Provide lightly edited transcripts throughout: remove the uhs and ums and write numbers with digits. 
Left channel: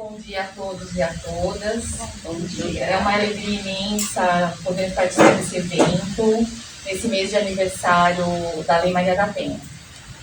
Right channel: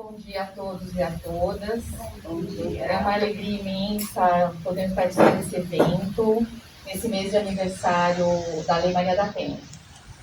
Bom dia a todos e a todas. Bom dia. É uma alegria imensa poder participar desse evento, nesse mês de aniversário da Lei Maria da Penha.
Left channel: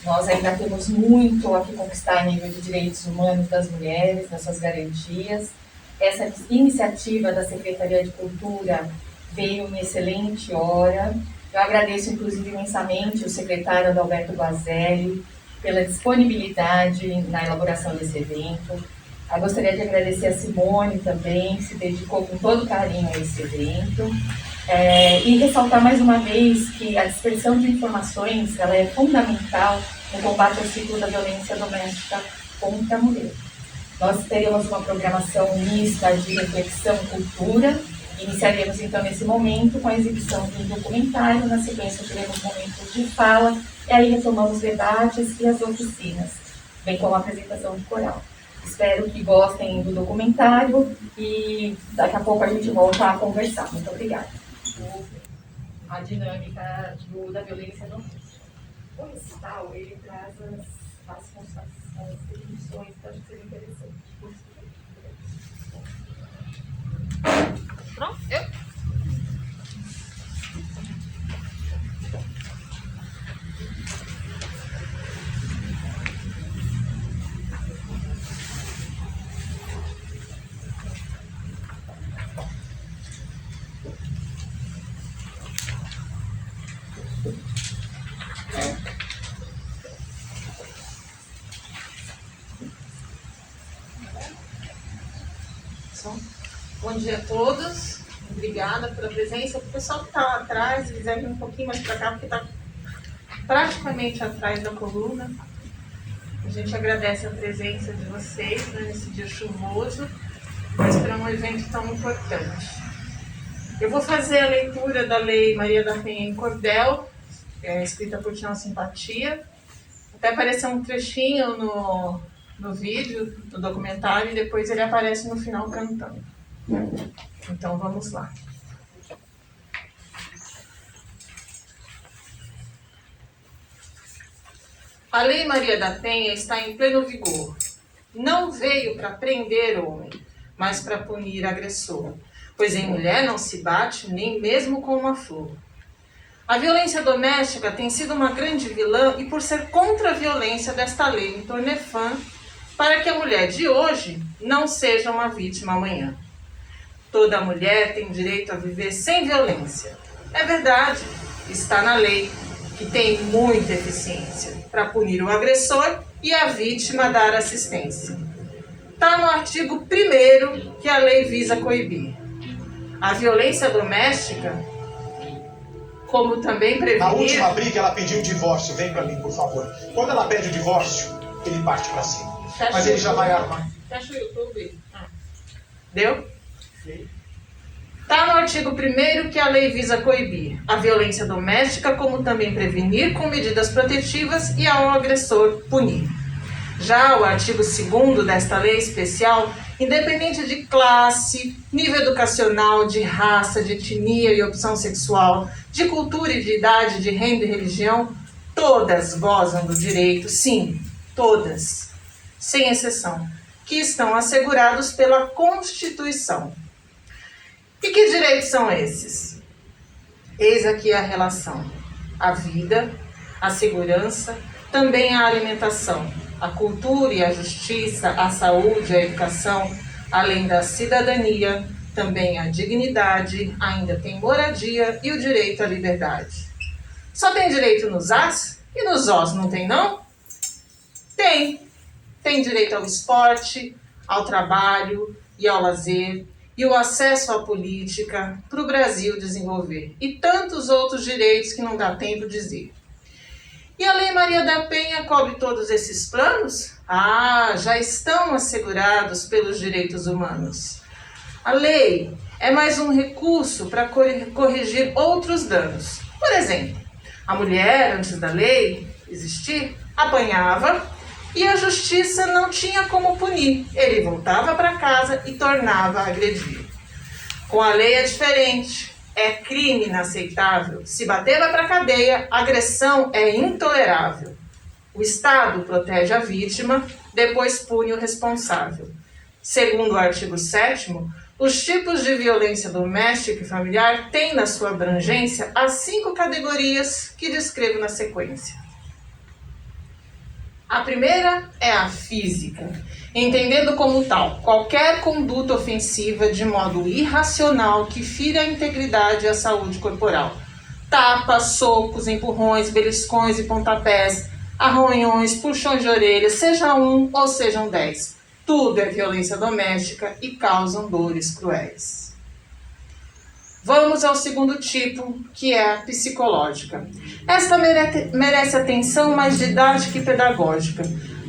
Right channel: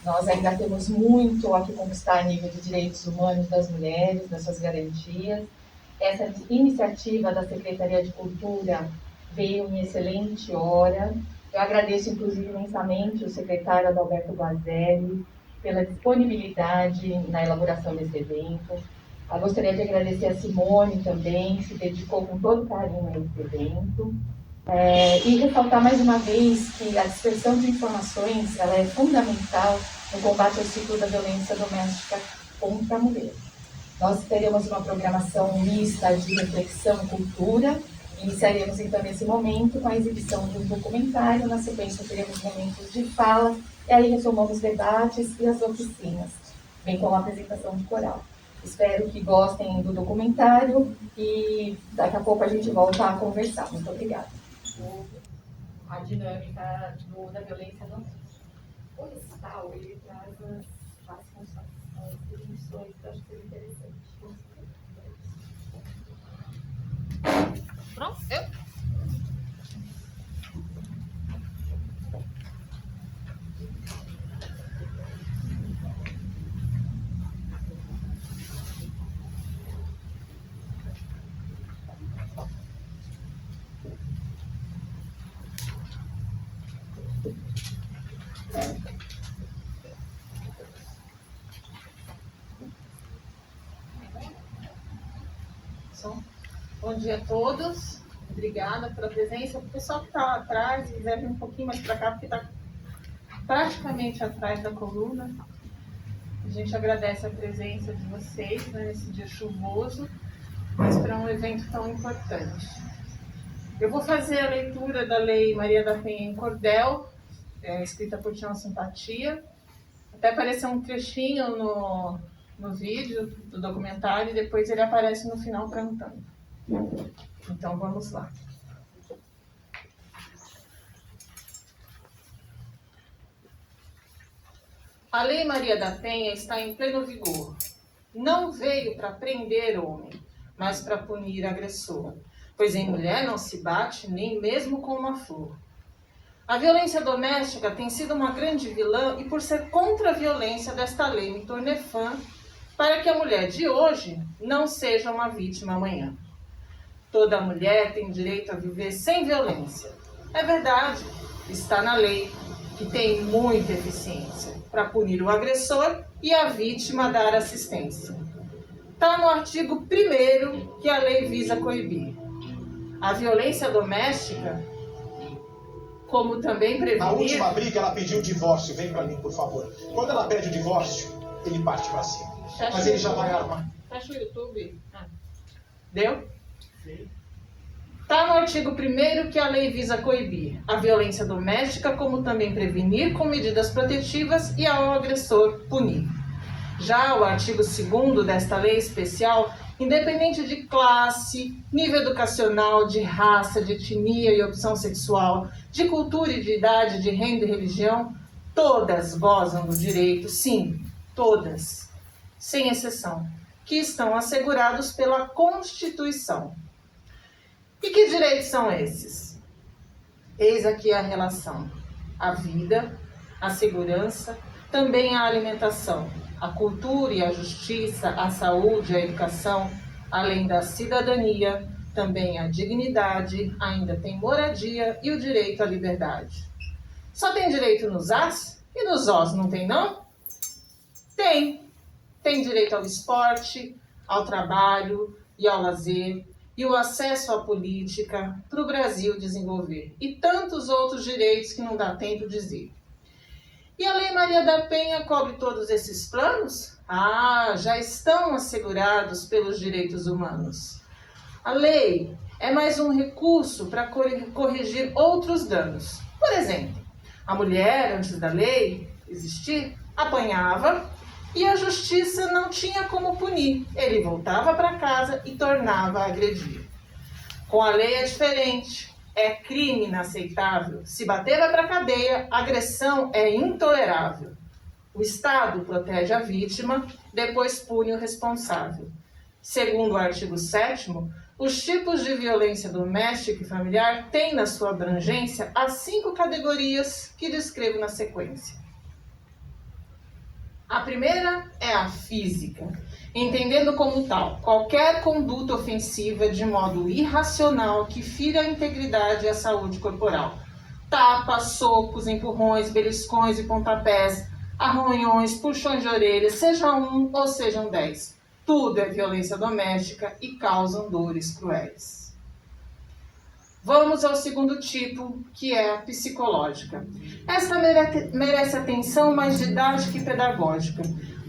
Nós ainda temos muito a que conquistar em nível de direitos humanos das mulheres, das suas garantias. Essa iniciativa da Secretaria de Cultura veio em excelente hora. Eu agradeço, inclusive, imensamente o secretário Adalberto Guazelli pela disponibilidade na elaboração desse evento. Eu gostaria de agradecer a Simone também, que se dedicou com todo carinho a esse evento. E ressaltar mais uma vez que a dispersão de informações ela é fundamental no combate ao ciclo da violência doméstica contra a mulher. Nós teremos uma programação mista de reflexão e cultura. Iniciaremos então nesse momento com a exibição de um documentário, na sequência teremos momentos de fala, e aí retomamos debates e as oficinas, bem como a apresentação de coral. Espero que gostem do documentário e daqui a pouco a gente volta a conversar. Muito obrigada. A dinâmica da violência doméstica. O recital, ele traz as definições que eu acho que seria interessante. Pronto? Bom dia a todos, obrigada pela presença. O pessoal que está lá atrás, se quiser vir um pouquinho mais para cá, porque está praticamente atrás da coluna. A gente agradece a presença de vocês, né, nesse dia chuvoso, mas para um evento tão importante. Eu vou fazer a leitura da Lei Maria da Penha em cordel, escrita por Tião Simpatia. Até apareceu um trechinho no vídeo, do documentário, e depois ele aparece no final cantando. Então vamos lá. A Lei Maria da Penha está em pleno vigor. Não veio para prender homem, mas para punir agressor, pois em mulher não se bate nem mesmo com uma flor. A violência doméstica tem sido uma grande vilã e por ser contra a violência desta lei me tornei fã para que a mulher de hoje não seja uma vítima amanhã. Toda mulher tem direito a viver sem violência. É verdade, está na lei, que tem muita eficiência para punir o agressor e a vítima dar assistência. Está no artigo 1º que a lei visa coibir. A violência doméstica, como também prevenir... Na última briga ela pediu o divórcio, vem pra mim, por favor. Quando ela pede o divórcio, ele parte pra cima. Mas ele já vai armar. Fecha o YouTube. Deu? Está no artigo 1º que a lei visa coibir a violência doméstica, como também prevenir com medidas protetivas e ao agressor punir. Já o artigo 2º desta lei especial, independente de classe, nível educacional, de raça, de etnia e opção sexual, de cultura e de idade, de renda e religião, todas gozam do direito, sim, todas, sem exceção, que estão assegurados pela Constituição. E que direitos são esses? Eis aqui a relação: a vida, a segurança, também a alimentação, a cultura e a justiça, a saúde, a educação, além da cidadania, também a dignidade, ainda tem moradia e o direito à liberdade. Só tem direito nos As e nos Os, não tem não? Tem. Tem direito ao esporte, ao trabalho e ao lazer, e o acesso à política para o Brasil desenvolver, e tantos outros direitos que não dá tempo de dizer. E a Lei Maria da Penha cobre todos esses planos? Já estão assegurados pelos direitos humanos. A lei é mais um recurso para corrigir outros danos. Por exemplo, a mulher, antes da lei existir, apanhava e a justiça não tinha como punir. Ele voltava para casa e tornava a agredir. Com a lei é diferente. É crime inaceitável. Se bater, vai para a cadeia. Agressão é intolerável. O Estado protege a vítima, depois pune o responsável. Segundo o artigo 7º, os tipos de violência doméstica e familiar têm na sua abrangência as 5 categorias que descrevo na sequência. A primeira é a física, entendendo como tal qualquer conduta ofensiva de modo irracional que fira a integridade e a saúde corporal. Tapas, socos, empurrões, beliscões e pontapés, arranhões, puxões de orelha, seja um ou sejam 10. Tudo é violência doméstica e causam dores cruéis. Vamos ao segundo tipo, que é a psicológica. Esta merece atenção mais didática e pedagógica.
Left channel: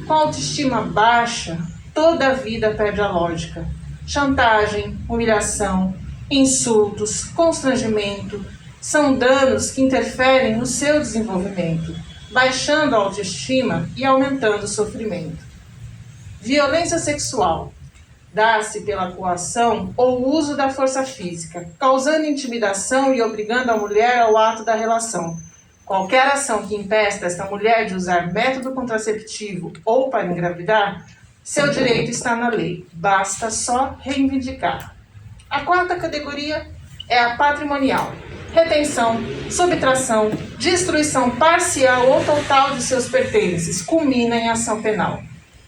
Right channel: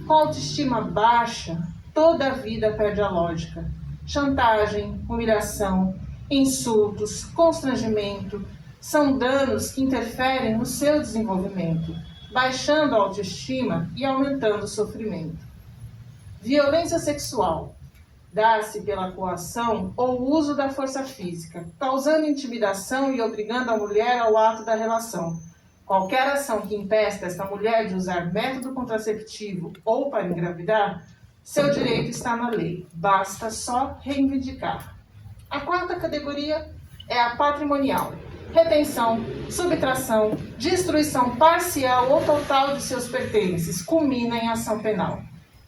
Com autoestima baixa, toda a vida perde a lógica. Chantagem, humilhação, insultos, constrangimento, são danos que interferem no seu desenvolvimento, baixando a autoestima e aumentando o sofrimento. Violência sexual. Dá-se pela coação ou uso da força física, causando intimidação e obrigando a mulher ao ato da relação. Qualquer ação que impeça esta mulher de usar método contraceptivo ou para engravidar, seu direito está na lei, basta só reivindicar. A quarta categoria é a patrimonial. Retenção, subtração, destruição parcial ou total de seus pertences, culmina em ação penal.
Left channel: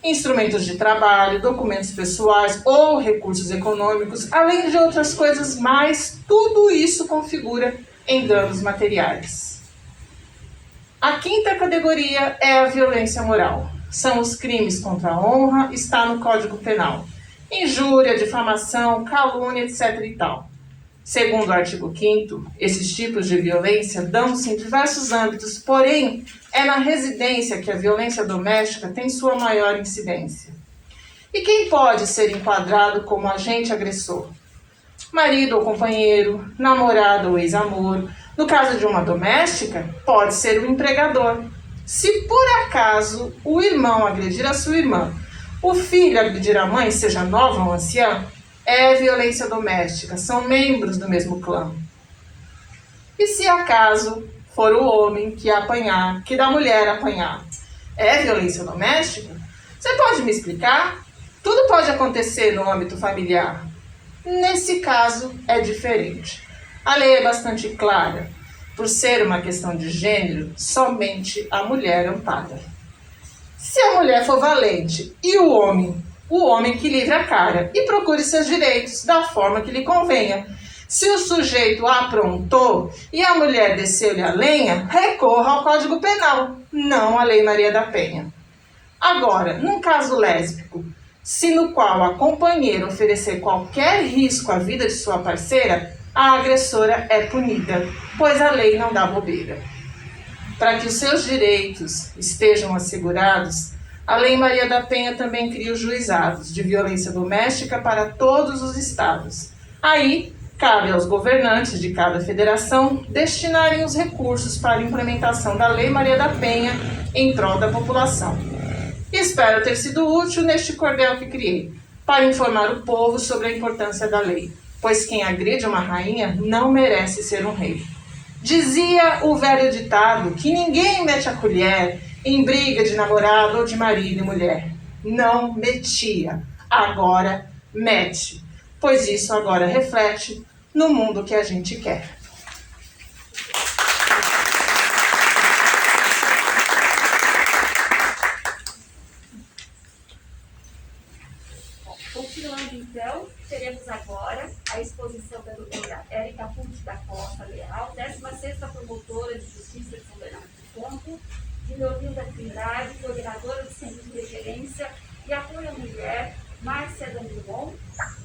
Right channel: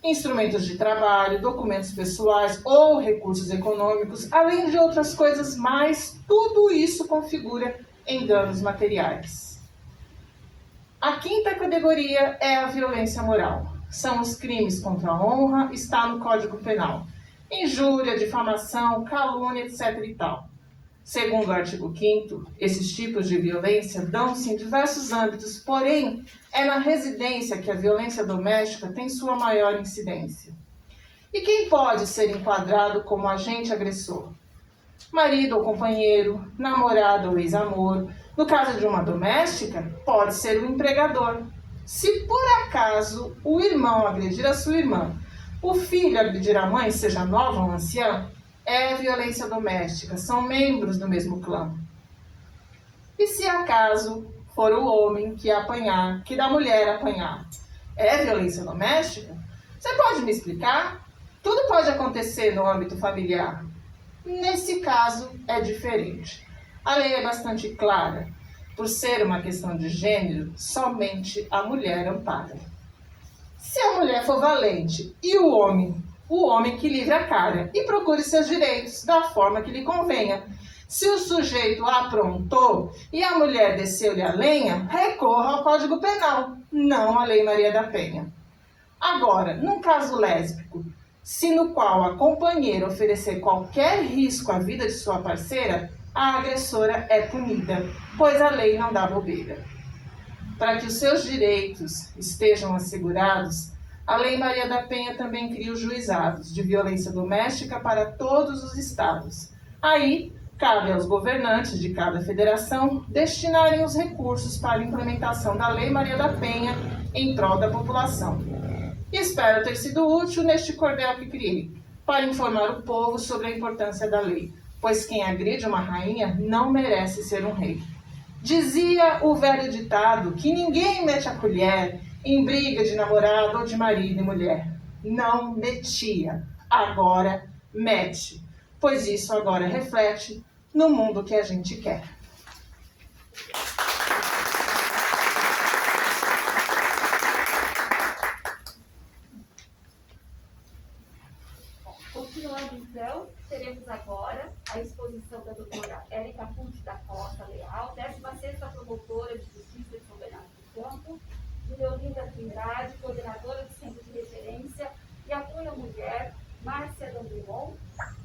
Instrumentos de trabalho, documentos pessoais ou recursos econômicos, além de outras coisas mais, tudo isso configura em danos materiais. A quinta categoria é a violência moral. São os crimes contra a honra, está no Código Penal. Injúria, difamação, calúnia, etc. e tal. Segundo o artigo 5º, esses tipos de violência dão-se em diversos âmbitos, porém, é na residência que a violência doméstica tem sua maior incidência. E quem pode ser enquadrado como agente agressor? Marido ou companheiro, namorado ou ex-amor. No caso de uma doméstica, pode ser o empregador. Se por acaso o irmão agredir a sua irmã, o filho agredir a mãe, seja nova ou anciã, é violência doméstica, são membros do mesmo clã. E se acaso for o homem que apanhar, que da mulher apanhar, é violência doméstica? Você pode me explicar? Tudo pode acontecer no âmbito familiar. Nesse caso é diferente. A lei é bastante clara. Por ser uma questão de gênero, somente a mulher ampara. Se a mulher for valente e o homem que livre a cara e procure seus direitos da forma que lhe convenha. Se o sujeito aprontou e a mulher desceu-lhe a lenha, recorra ao Código Penal, não à Lei Maria da Penha. Agora, num caso lésbico, se no qual a companheira oferecer qualquer risco à vida de sua parceira, a agressora é punida, pois a lei não dá bobeira. Para que os seus direitos estejam assegurados, a Lei Maria da Penha também cria os juizados de violência doméstica para todos os estados. Aí, cabe aos governantes de cada federação destinarem os recursos para a implementação da Lei Maria da Penha em prol da população. Espero ter sido útil neste cordel que criei, para informar o povo sobre a importância da lei, pois quem agride uma rainha não merece ser um rei. Dizia o velho ditado que ninguém mete a colher em briga de namorado ou de marido e mulher. Não metia, agora mete, pois isso agora reflete no mundo que a gente quer. Continuando então, teremos agora a exposição da doutora Érica Pucci da Costa Leal, 16ª promotora de Justiça de São Bernardo do Campo, de Leolinda Trindade, coordenadora do Centro de Referência e Apoio à Mulher, Márcia Danilon.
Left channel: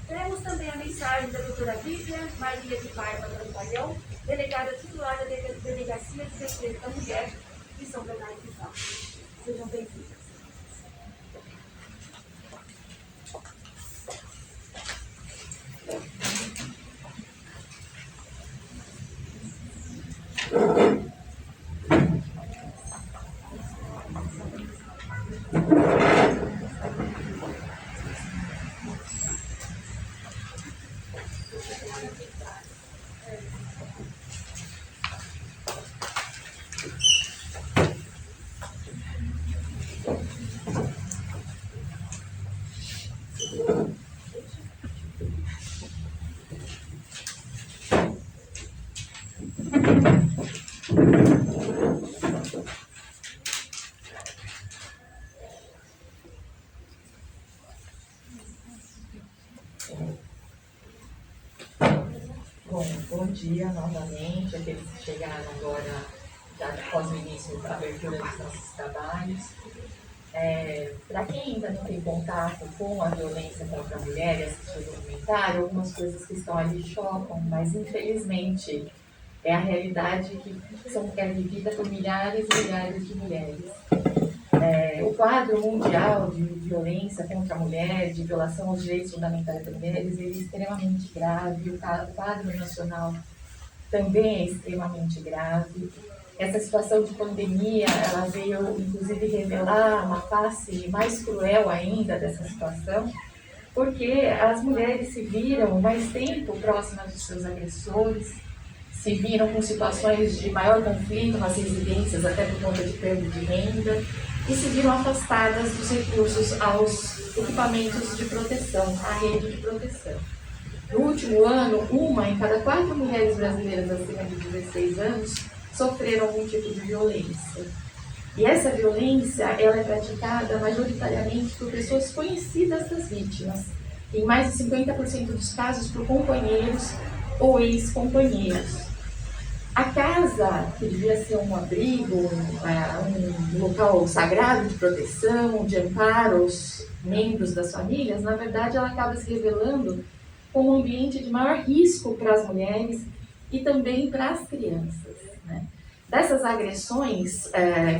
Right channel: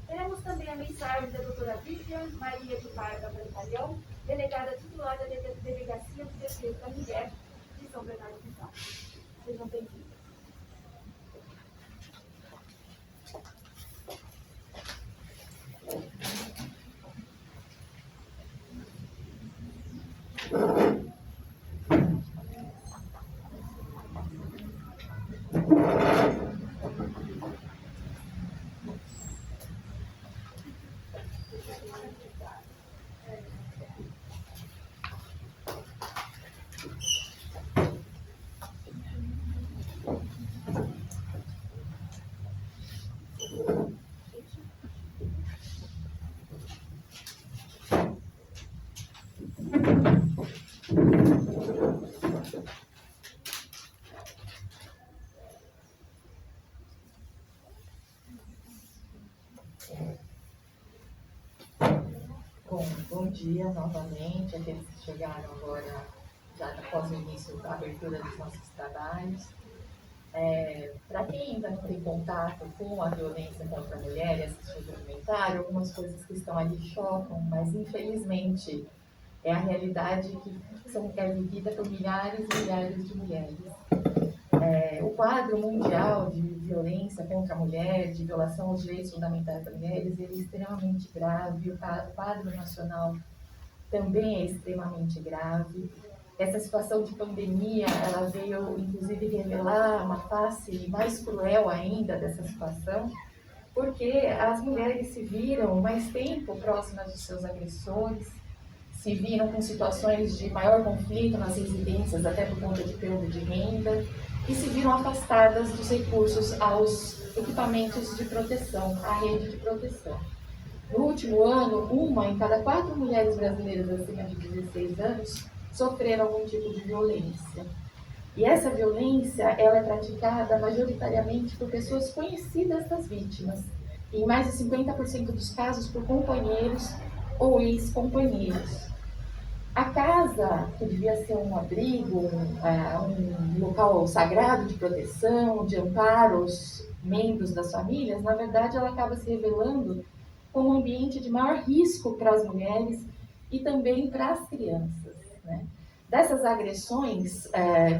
Teremos também a mensagem da doutora Vivian Maria de Paiva Trampalhão, delegada titular da Delegacia de Defesa da Mulher de São Bernardo do Campo. Sejam bem-vindos. dia novamente, aqueles que chegaram agora, já após o início da abertura dos nossos trabalhos. Para quem ainda não tem contato com a violência contra a mulher e assistiu o documentário, algumas coisas que estão ali chocam, mas infelizmente é a realidade que é vivida por milhares e milhares de mulheres. O quadro mundial de violência contra a mulher, de violação aos direitos fundamentais das mulheres, ele é extremamente grave. O quadro nacional também é extremamente grave. Essa situação de pandemia, ela veio inclusive revelar uma face mais cruel ainda dessa situação, porque as mulheres se viram mais tempo próximas dos seus agressores, se viram com situações de maior conflito nas residências, até por conta de perda de renda, e se viram afastadas dos recursos aos equipamentos de proteção, à rede de proteção. No último ano, 1 em cada 4 mulheres brasileiras acima de 16 anos sofreram algum tipo de violência. E essa violência, ela é praticada majoritariamente por pessoas conhecidas das vítimas, em mais de 50% dos casos por companheiros ou ex-companheiros. A casa, que devia ser um abrigo, um local sagrado de proteção, de amparo aos membros das famílias, na verdade ela acaba se revelando como um ambiente de maior risco para as mulheres e também para as crianças, né? Dessas agressões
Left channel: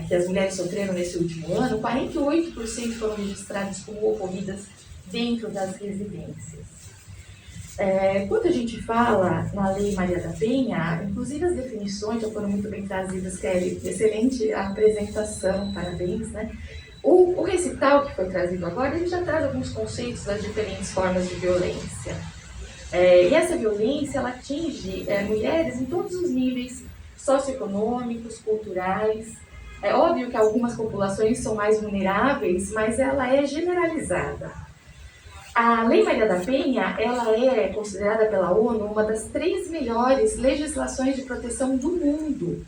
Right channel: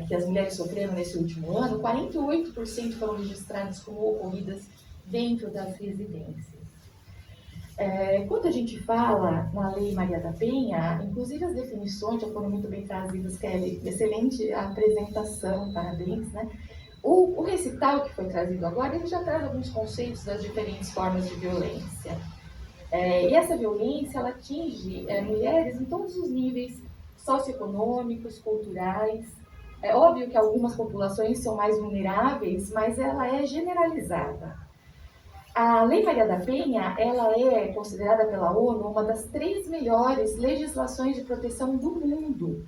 que as mulheres sofreram nesse último ano, 48% foram registradas como ocorridas dentro das residências. Quando a gente fala na Lei Maria da Penha, inclusive as definições já foram muito bem trazidas, Kelly, excelente a apresentação, parabéns, né? O recital que foi trazido agora, ele já traz alguns conceitos das diferentes formas de violência. E essa violência, ela atinge mulheres em todos os níveis socioeconômicos, culturais. É óbvio que algumas populações são mais vulneráveis, mas ela é generalizada. A Lei Maria da Penha, ela é considerada pela ONU uma das 3 melhores legislações de proteção do mundo.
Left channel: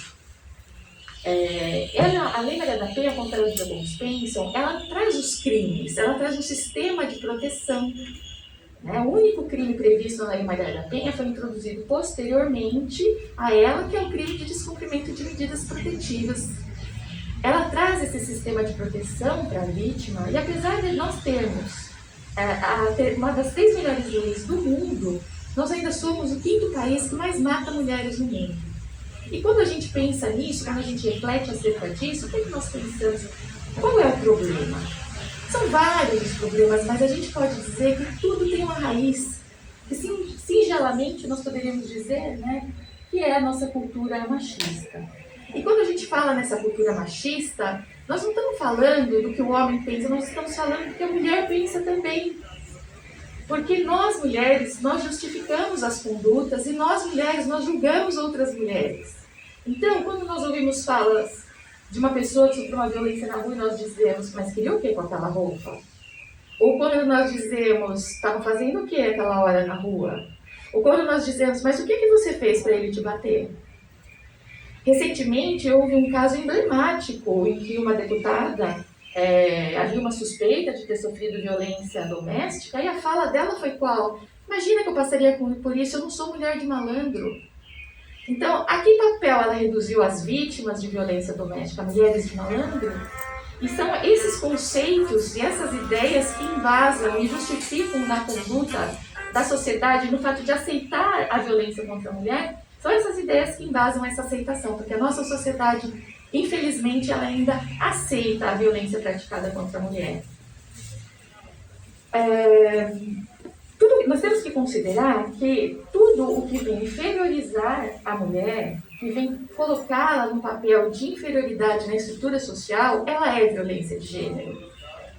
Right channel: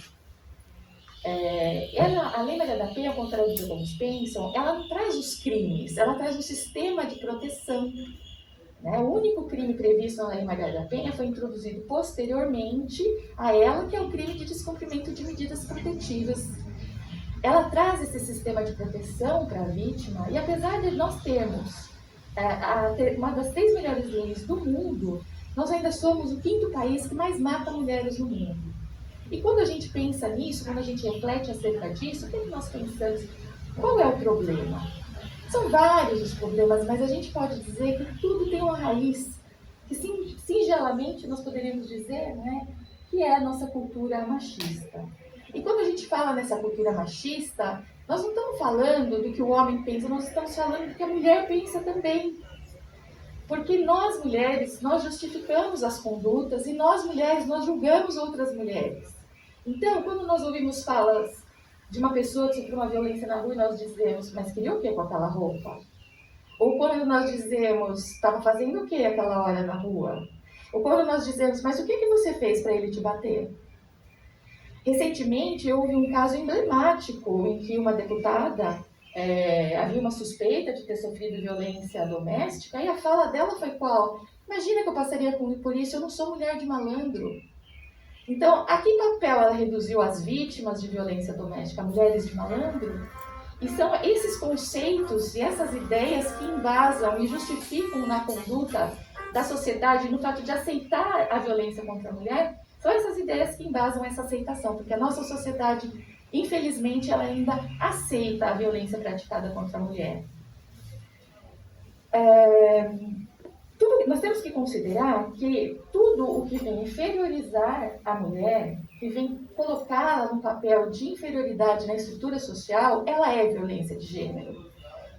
A Lei Maria da Penha, como a James pensam, ela traz os crimes, ela traz um sistema de proteção. Né? O único crime previsto na Lei Maria da Penha foi introduzido posteriormente a ela, que é o crime de descumprimento de medidas protetivas. Ela traz esse sistema de proteção para a vítima, e apesar de nós termos uma das 3 melhores leis do mundo, nós ainda somos o 5º país que mais mata mulheres no mundo. E quando a gente pensa nisso, quando a gente reflete acerca disso, o que nós pensamos? Qual é o problema? São vários os problemas, mas a gente pode dizer que tudo tem uma raiz, que singelamente nós poderíamos dizer, né, que é a nossa cultura machista. E quando a gente fala nessa cultura machista, nós não estamos falando do que o homem pensa, nós estamos falando do que a mulher pensa também. Porque nós mulheres, nós justificamos as condutas e nós mulheres, nós julgamos outras mulheres. Então, quando nós ouvimos falas de uma pessoa que sofreu uma violência na rua e nós dizemos, mas queria o que com aquela roupa? Ou quando nós dizemos, estava fazendo o que aquela hora na rua? Ou quando nós dizemos, mas o que você fez para ele te bater? Recentemente, houve um caso emblemático em que uma deputada havia uma suspeita de ter sofrido violência doméstica e a fala dela foi qual? Imagina que eu passaria por isso, eu não sou mulher de malandro. Então, a que papel ela reduziu as vítimas de violência doméstica, mulheres de malandro? E são esses conceitos e essas ideias que embasam e justificam na conduta da sociedade, no fato de aceitar a violência contra a mulher. São essas ideias que embasam essa aceitação, porque a nossa sociedade, infelizmente, ela ainda aceita a violência praticada contra a mulher. Nós temos que considerar que tudo o que vem inferiorizar a mulher, que vem colocá-la num papel de inferioridade na estrutura social, ela é violência de gênero.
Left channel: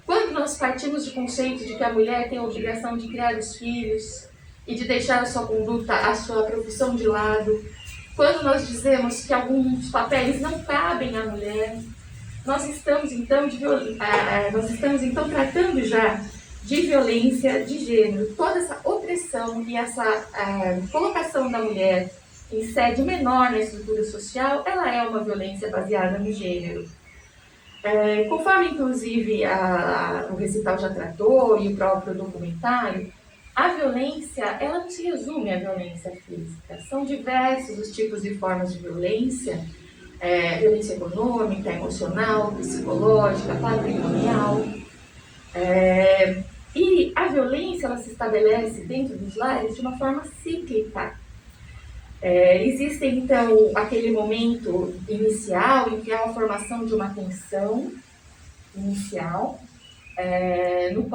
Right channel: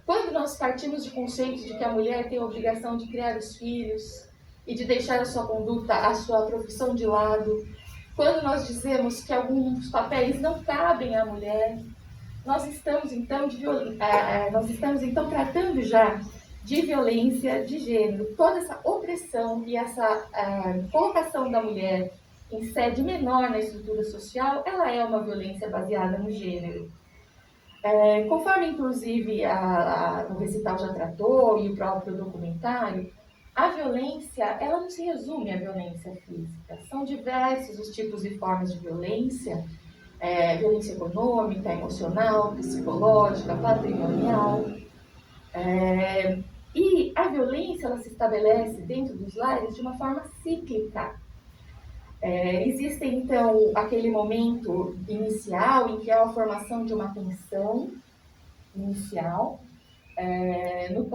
Quando nós partimos do conceito de que a mulher tem a obrigação de criar os filhos, e de deixar a sua conduta, a sua profissão de lado. Quando nós dizemos que alguns papéis não cabem à mulher, nós estamos então tratando já de violência de gênero. Toda essa opressão e essa colocação da mulher em sede menor na estrutura social, ela é uma violência baseada no gênero. Conforme inclusive o recital já tratou e o próprio documentário, a violência, ela não se resume à violência física. São diversos os tipos e formas de violência. Violência econômica, emocional, psicológica, patrimonial. E a violência, ela se estabelece dentro dos lares de uma forma cíclica. Existe, então, aquele momento inicial em que há a formação de uma tensão inicial, no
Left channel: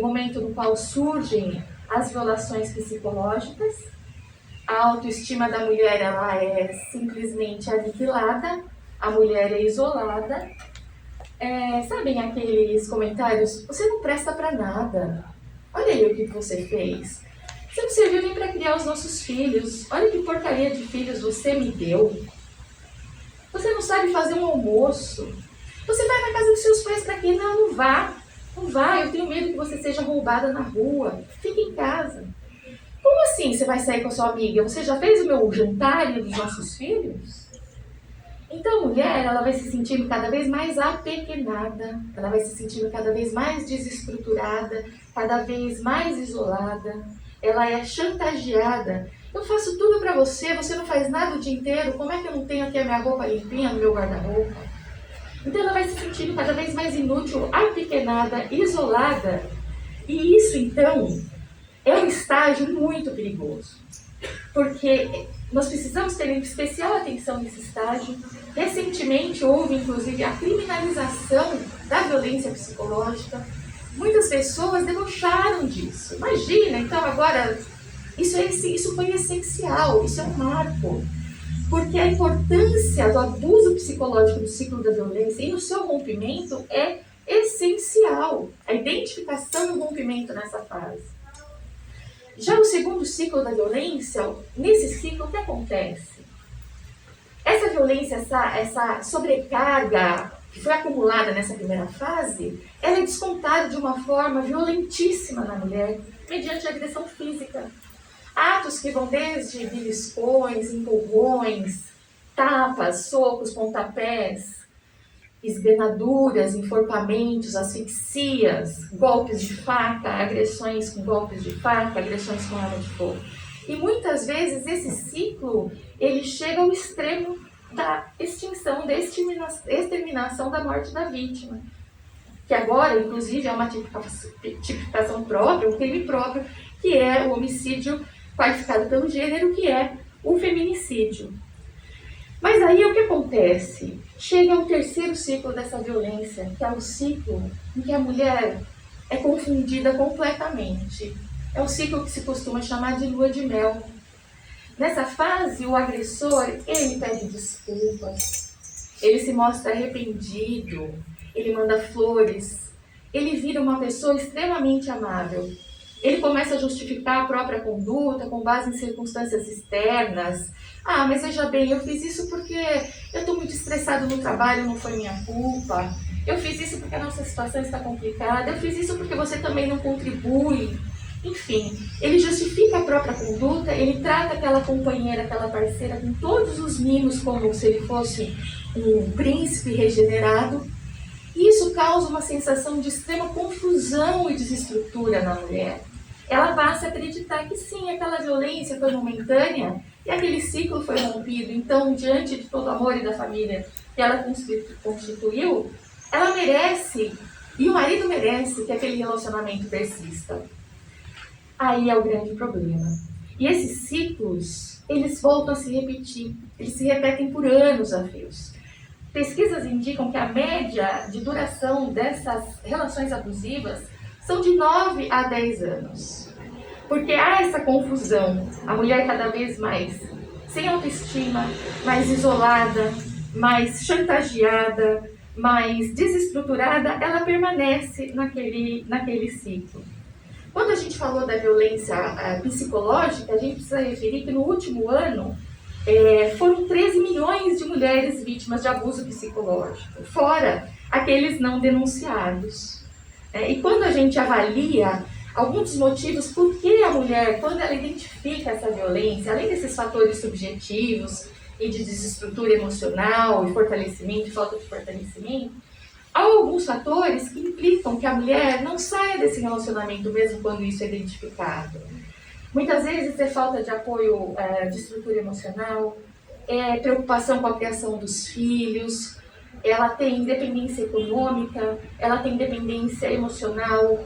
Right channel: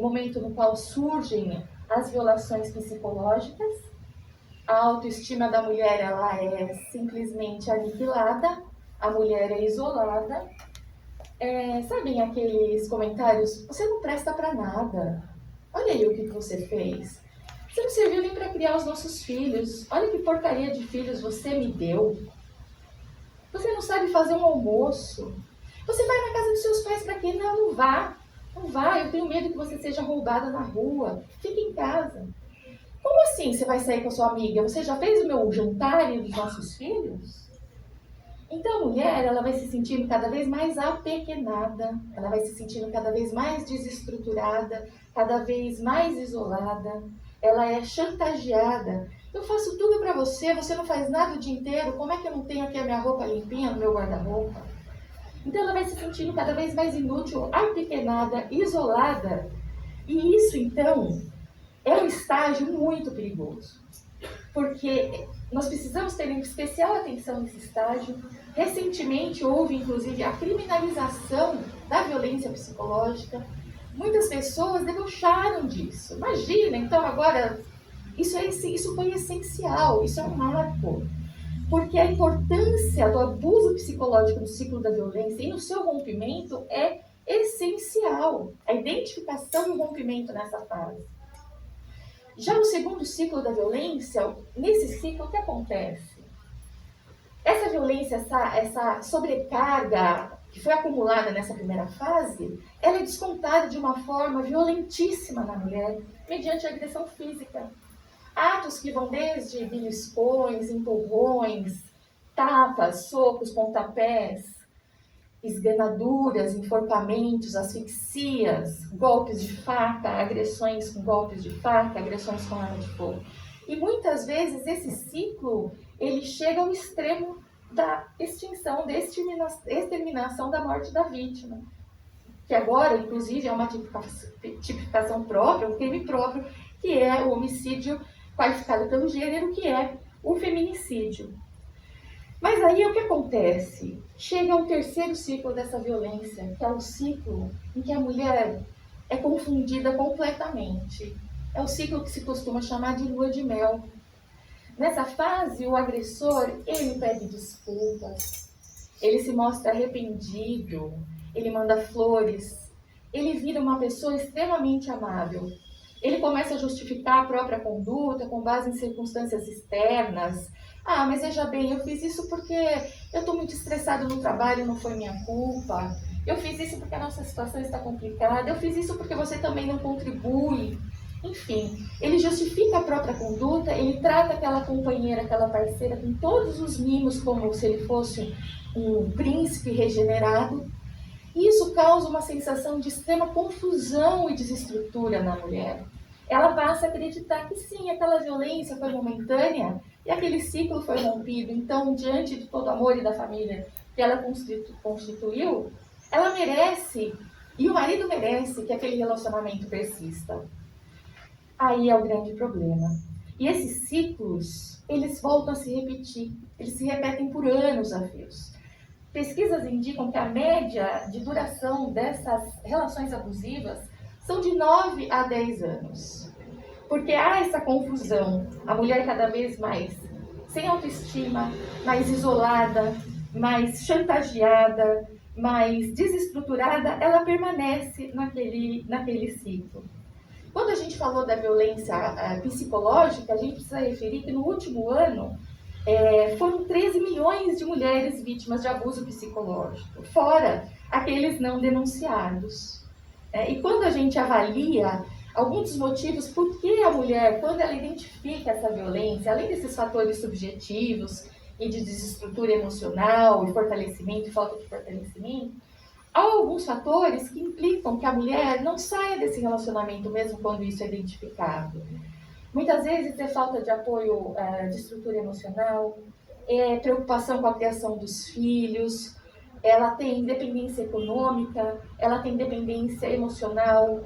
momento no qual surgem as violações psicológicas. A autoestima da mulher, ela é simplesmente aniquilada, a mulher é isolada. Sabem aqueles comentários? Você não presta para nada. Olha aí o que você fez. Você não serviu nem para criar os nossos filhos. Olha que porcaria de filhos você me deu. Você não sabe fazer um almoço. Você vai na casa dos seus pais para quê? Não, não vá. Não vá, eu tenho medo que você seja roubada na rua. Fique em casa. Como assim você vai sair com a sua amiga? Você já fez o meu jantar e dos nossos filhos? Então a mulher, ela vai se sentindo cada vez mais apequenada, ela vai se sentindo cada vez mais desestruturada, cada vez mais isolada, ela é chantageada. Eu faço tudo pra você, você não faz nada o dia inteiro, como é que eu não tenho aqui a minha roupa limpinha no meu guarda-roupa? Então ela vai se sentindo cada vez mais inútil, apequenada, isolada. E isso, então, é um estágio muito perigoso, porque nós precisamos ter especial atenção nesse estágio. Recentemente houve, inclusive, a criminalização da violência psicológica. Muitas pessoas debocharam disso. Imagina, então agora, isso foi essencial, isso é um marco. Porque a importância do abuso psicológico no ciclo da violência e no seu rompimento é essencial. A identificação e o rompimento nessa fase. Já no segundo ciclo da violência, nesse ciclo, o que acontece? Essa violência, essa sobrecarga que foi acumulada nessa primeira fase, ela é descontada de uma forma violentíssima na mulher, mediante a agressão física. Atos que vão desde beliscões, empurrões, tapas, socos, pontapés, esgranaduras, enforcamentos, asfixias, golpes de faca, agressões com golpes de faca, agressões com arma de fogo. E muitas vezes esse ciclo, ele chega ao extremo da extinção, da exterminação da morte da vítima. Que agora, inclusive, é uma tipificação própria, um crime próprio, que é o homicídio qualificado pelo gênero, que é o feminicídio. Mas aí o que acontece? Chega ao terceiro ciclo dessa violência, que é o ciclo em que a mulher é confundida completamente. É o ciclo que se costuma chamar de lua de mel. Nessa fase, o agressor, ele pede desculpas, ele se mostra arrependido, ele manda flores, ele vira uma pessoa extremamente amável. Ele começa a justificar a própria conduta com base em circunstâncias externas. Ah, mas veja bem, eu fiz isso porque eu estou muito estressado no trabalho, não foi minha culpa. Eu fiz isso porque a nossa situação está complicada. Eu fiz isso porque você também não contribui. Enfim, ele justifica a própria conduta, ele trata aquela companheira, aquela parceira com todos os mimos como se ele fosse um príncipe regenerado. E isso causa uma sensação de extrema confusão e desestrutura na mulher. Ela passa a acreditar que sim, aquela violência foi momentânea e aquele ciclo foi rompido. Então, diante de todo o amor e da família que ela constituiu, ela merece, e o marido merece, que aquele relacionamento persista. Aí é o grande problema. E esses ciclos, eles voltam a se repetir. Eles se repetem por anos a fios. Pesquisas indicam que a média de duração dessas relações abusivas são de 9 a 10 anos. Porque há essa confusão. A mulher cada vez mais sem autoestima, mais isolada, mais chantageada, mais desestruturada, ela permanece naquele ciclo. Quando a gente falou da violência psicológica, a gente precisa referir que no último ano foram 13 milhões de mulheres vítimas de abuso psicológico, fora aqueles não denunciados. E quando a gente avalia alguns dos motivos por que a mulher, quando ela identifica essa violência, além desses fatores subjetivos e de desestrutura emocional, e fortalecimento, e falta de fortalecimento, há alguns fatores que implicam que a mulher não saia desse relacionamento mesmo quando isso é identificado. Muitas vezes é falta de apoio de estrutura emocional, é preocupação com a criação dos filhos, ela tem independência econômica, ela tem dependência emocional,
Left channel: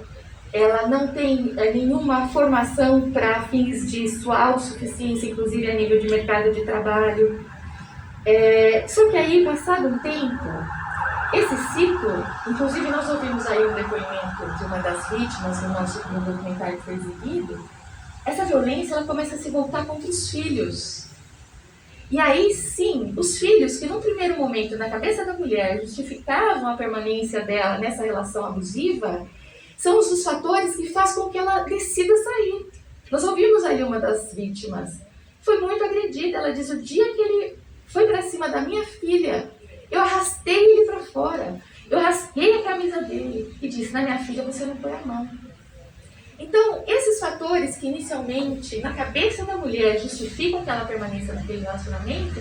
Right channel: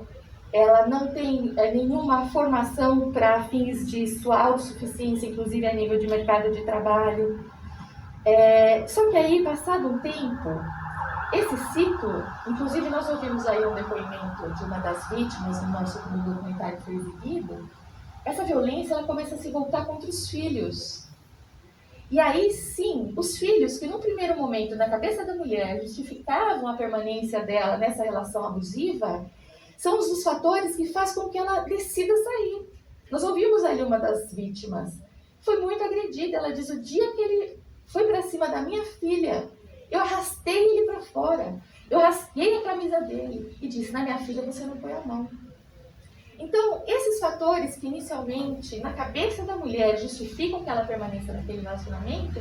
ela não tem nenhuma formação para fins de sua autossuficiência, inclusive a nível de mercado de trabalho. Só que aí, passado um tempo, esse ciclo, inclusive nós ouvimos aí um depoimento de uma das vítimas no documentário que foi exibido, essa violência ela começa a se voltar contra os filhos. E aí sim, os filhos que no primeiro momento, na cabeça da mulher, justificavam a permanência dela nessa relação abusiva, são os dos fatores que fazem com que ela decida sair. Nós ouvimos aí uma das vítimas, foi muito agredida, ela diz, o dia que ele foi para cima da minha filha, eu arrastei ele para fora, eu rasguei a camisa dele e disse, na minha filha você não põe a mão. Então, esses fatores que inicialmente, na cabeça da mulher, justificam que ela permaneça naquele relacionamento,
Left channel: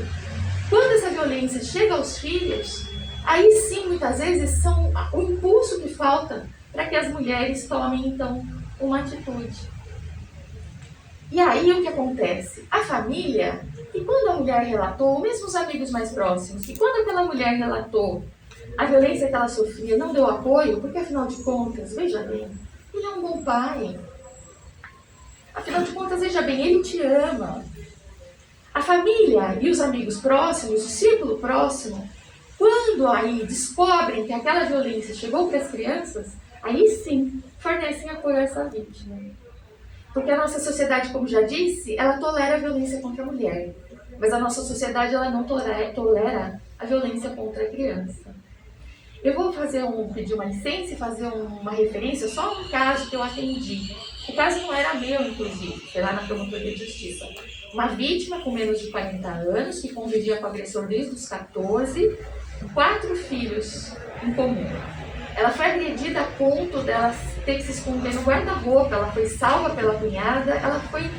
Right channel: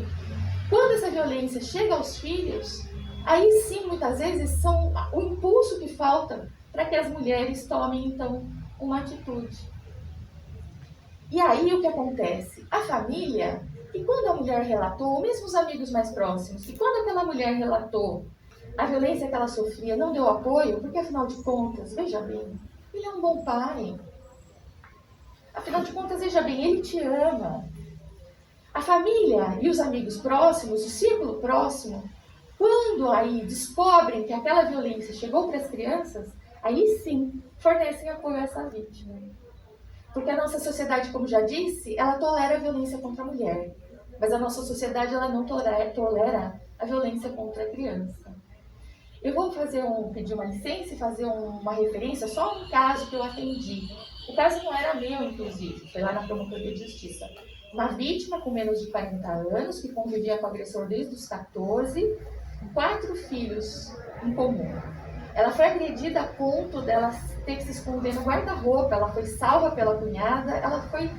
quando essa violência chega aos filhos, aí sim, muitas vezes, são o impulso que falta para que as mulheres tomem, então, uma atitude. E aí, o que acontece? A família, e quando a mulher relatou, ou mesmo os amigos mais próximos, que quando aquela mulher relatou a violência que ela sofria, não deu apoio, porque, afinal de contas, veja bem, ele é um bom pai. Afinal de contas, veja bem, ele te ama. A família e os amigos próximos, o círculo próximo, quando aí descobrem que aquela violência chegou para as crianças, aí sim fornecem apoio a essa vítima. Porque a nossa sociedade, como já disse, ela tolera a violência contra a mulher. Mas a nossa sociedade ela não tolera a violência contra a criança. Eu vou pedir uma licença e fazer uma referência só a um caso que eu atendi. O caso não era meu, inclusive, foi lá na Promotoria de Justiça. Uma vítima com menos de 40 anos, que convivia com o agressor desde os 14, com 4 filhos em comum. Ela foi agredida a ponto dela ter que se esconder no guarda-roupa, ela foi salva pela cunhada, ela foi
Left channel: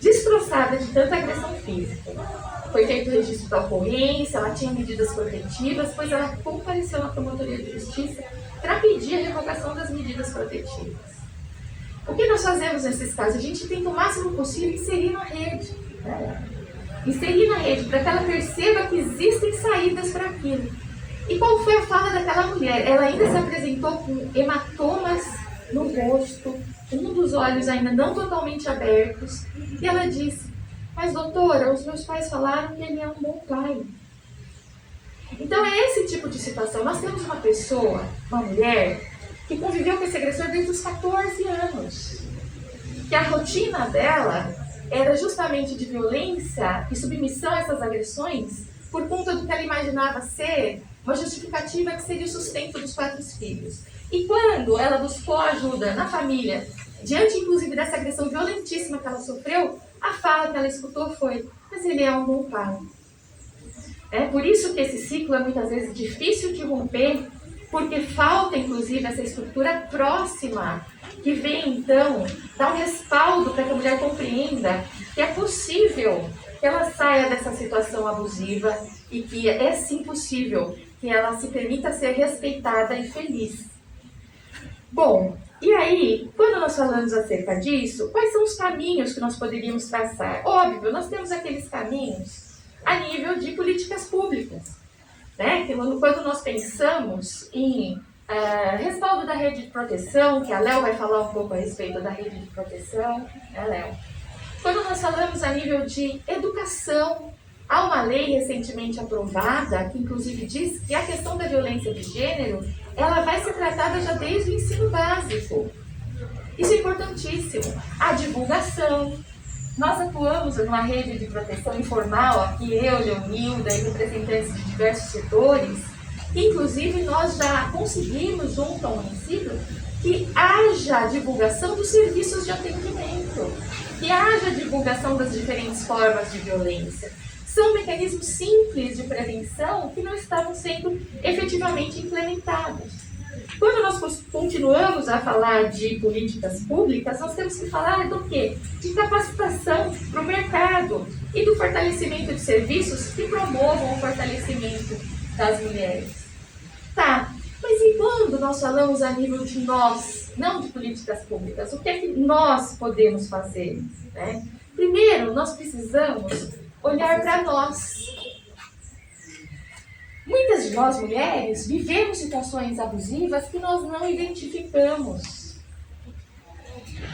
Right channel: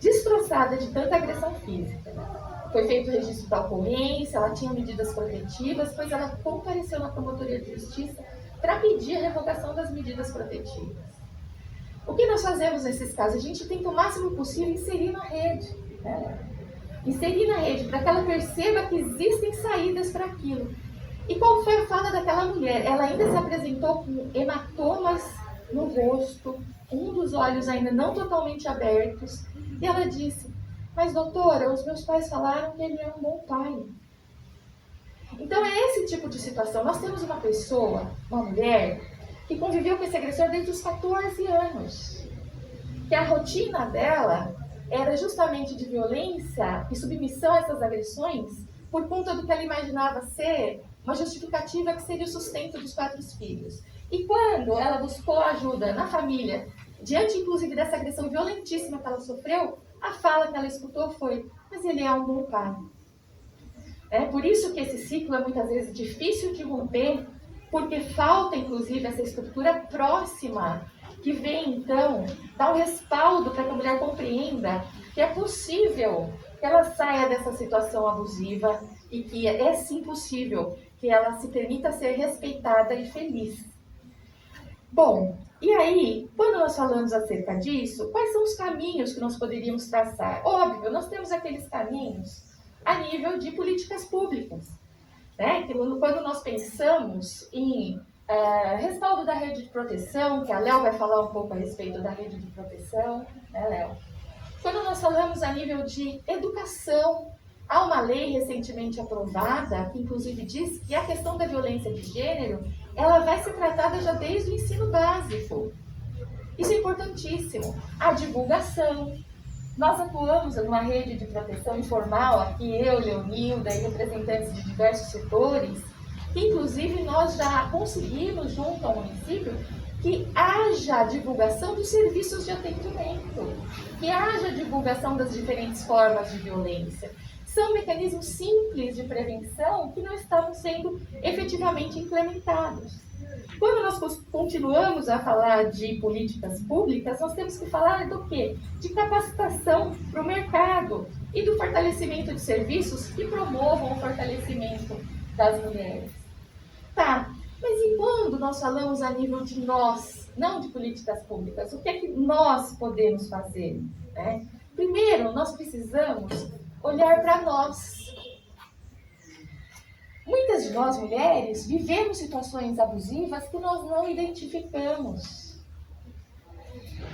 destroçada de tanta agressão física. Foi feito o registro da ocorrência, ela tinha medidas protetivas, pois ela compareceu na Promotoria de Justiça para pedir a revogação das medidas protetivas. O que nós fazemos nesses casos? A gente tenta o máximo possível inserir na rede. Inserir na rede para que ela perceba que existem saídas para aquilo. E qual foi a fala daquela mulher? Ela ainda se apresentou com hematomas no rosto, um dos olhos ainda não totalmente abertos, e ela disse, mas doutora, os meus pais falaram que ele é um bom pai. Então é esse tipo de situação. Nós temos uma pessoa, uma mulher, que conviveu com esse agressor desde os 14 anos. Que a rotina dela era justamente de violência e submissão a essas agressões por conta do que ela imaginava ser uma justificativa que seria o sustento dos 4 filhos. E quando ela buscou ajuda na família, diante inclusive dessa agressão violentíssima que ela sofreu, a fala que ela escutou foi, mas ele é um bom pai. É por isso que esse ciclo é muitas vezes difícil de romper, porque falta inclusive essa estrutura próxima, que vem então dar um respaldo para que a mulher compreenda que é possível que ela saia dessa situação abusiva e que é sim possível que ela se permita ser respeitada e feliz. Bom, e aí, quando nós falamos acerca disso, quais são os caminhos que nós poderíamos traçar? Óbvio, nós temos aqueles caminhos a nível de políticas públicas, né? Que quando nós pensamos em respaldo da rede de proteção, que a Léo vai falar um pouco a respeito da rede de proteção, né, Léo? Quando nós falamos a nível de educação, há uma lei recentemente aprovada, que inclusive diz que a questão da violência de gênero, ela vai ser tratada já desde o ensino básico. Isso é importantíssimo. A divulgação. Nós atuamos numa rede de proteção informal, aqui eu, Leonilda e representantes de diversos setores, que inclusive nós já conseguimos, junto ao município, que haja divulgação dos serviços de atendimento, que haja divulgação das diferentes formas de violência. São mecanismos simples de prevenção que não estavam sendo efetivamente implementados. Quando nós continuamos a falar de políticas públicas, nós temos que falar do quê? De capacitação para o mercado e do fortalecimento de serviços que promovam o fortalecimento das mulheres. Tá, mas vez em quando nós falamos a nível de nós, não de políticas públicas. O que é que nós podemos fazer, né? Primeiro, nós precisamos olhar para nós. Muitas de nós, mulheres, vivemos situações abusivas que nós não identificamos.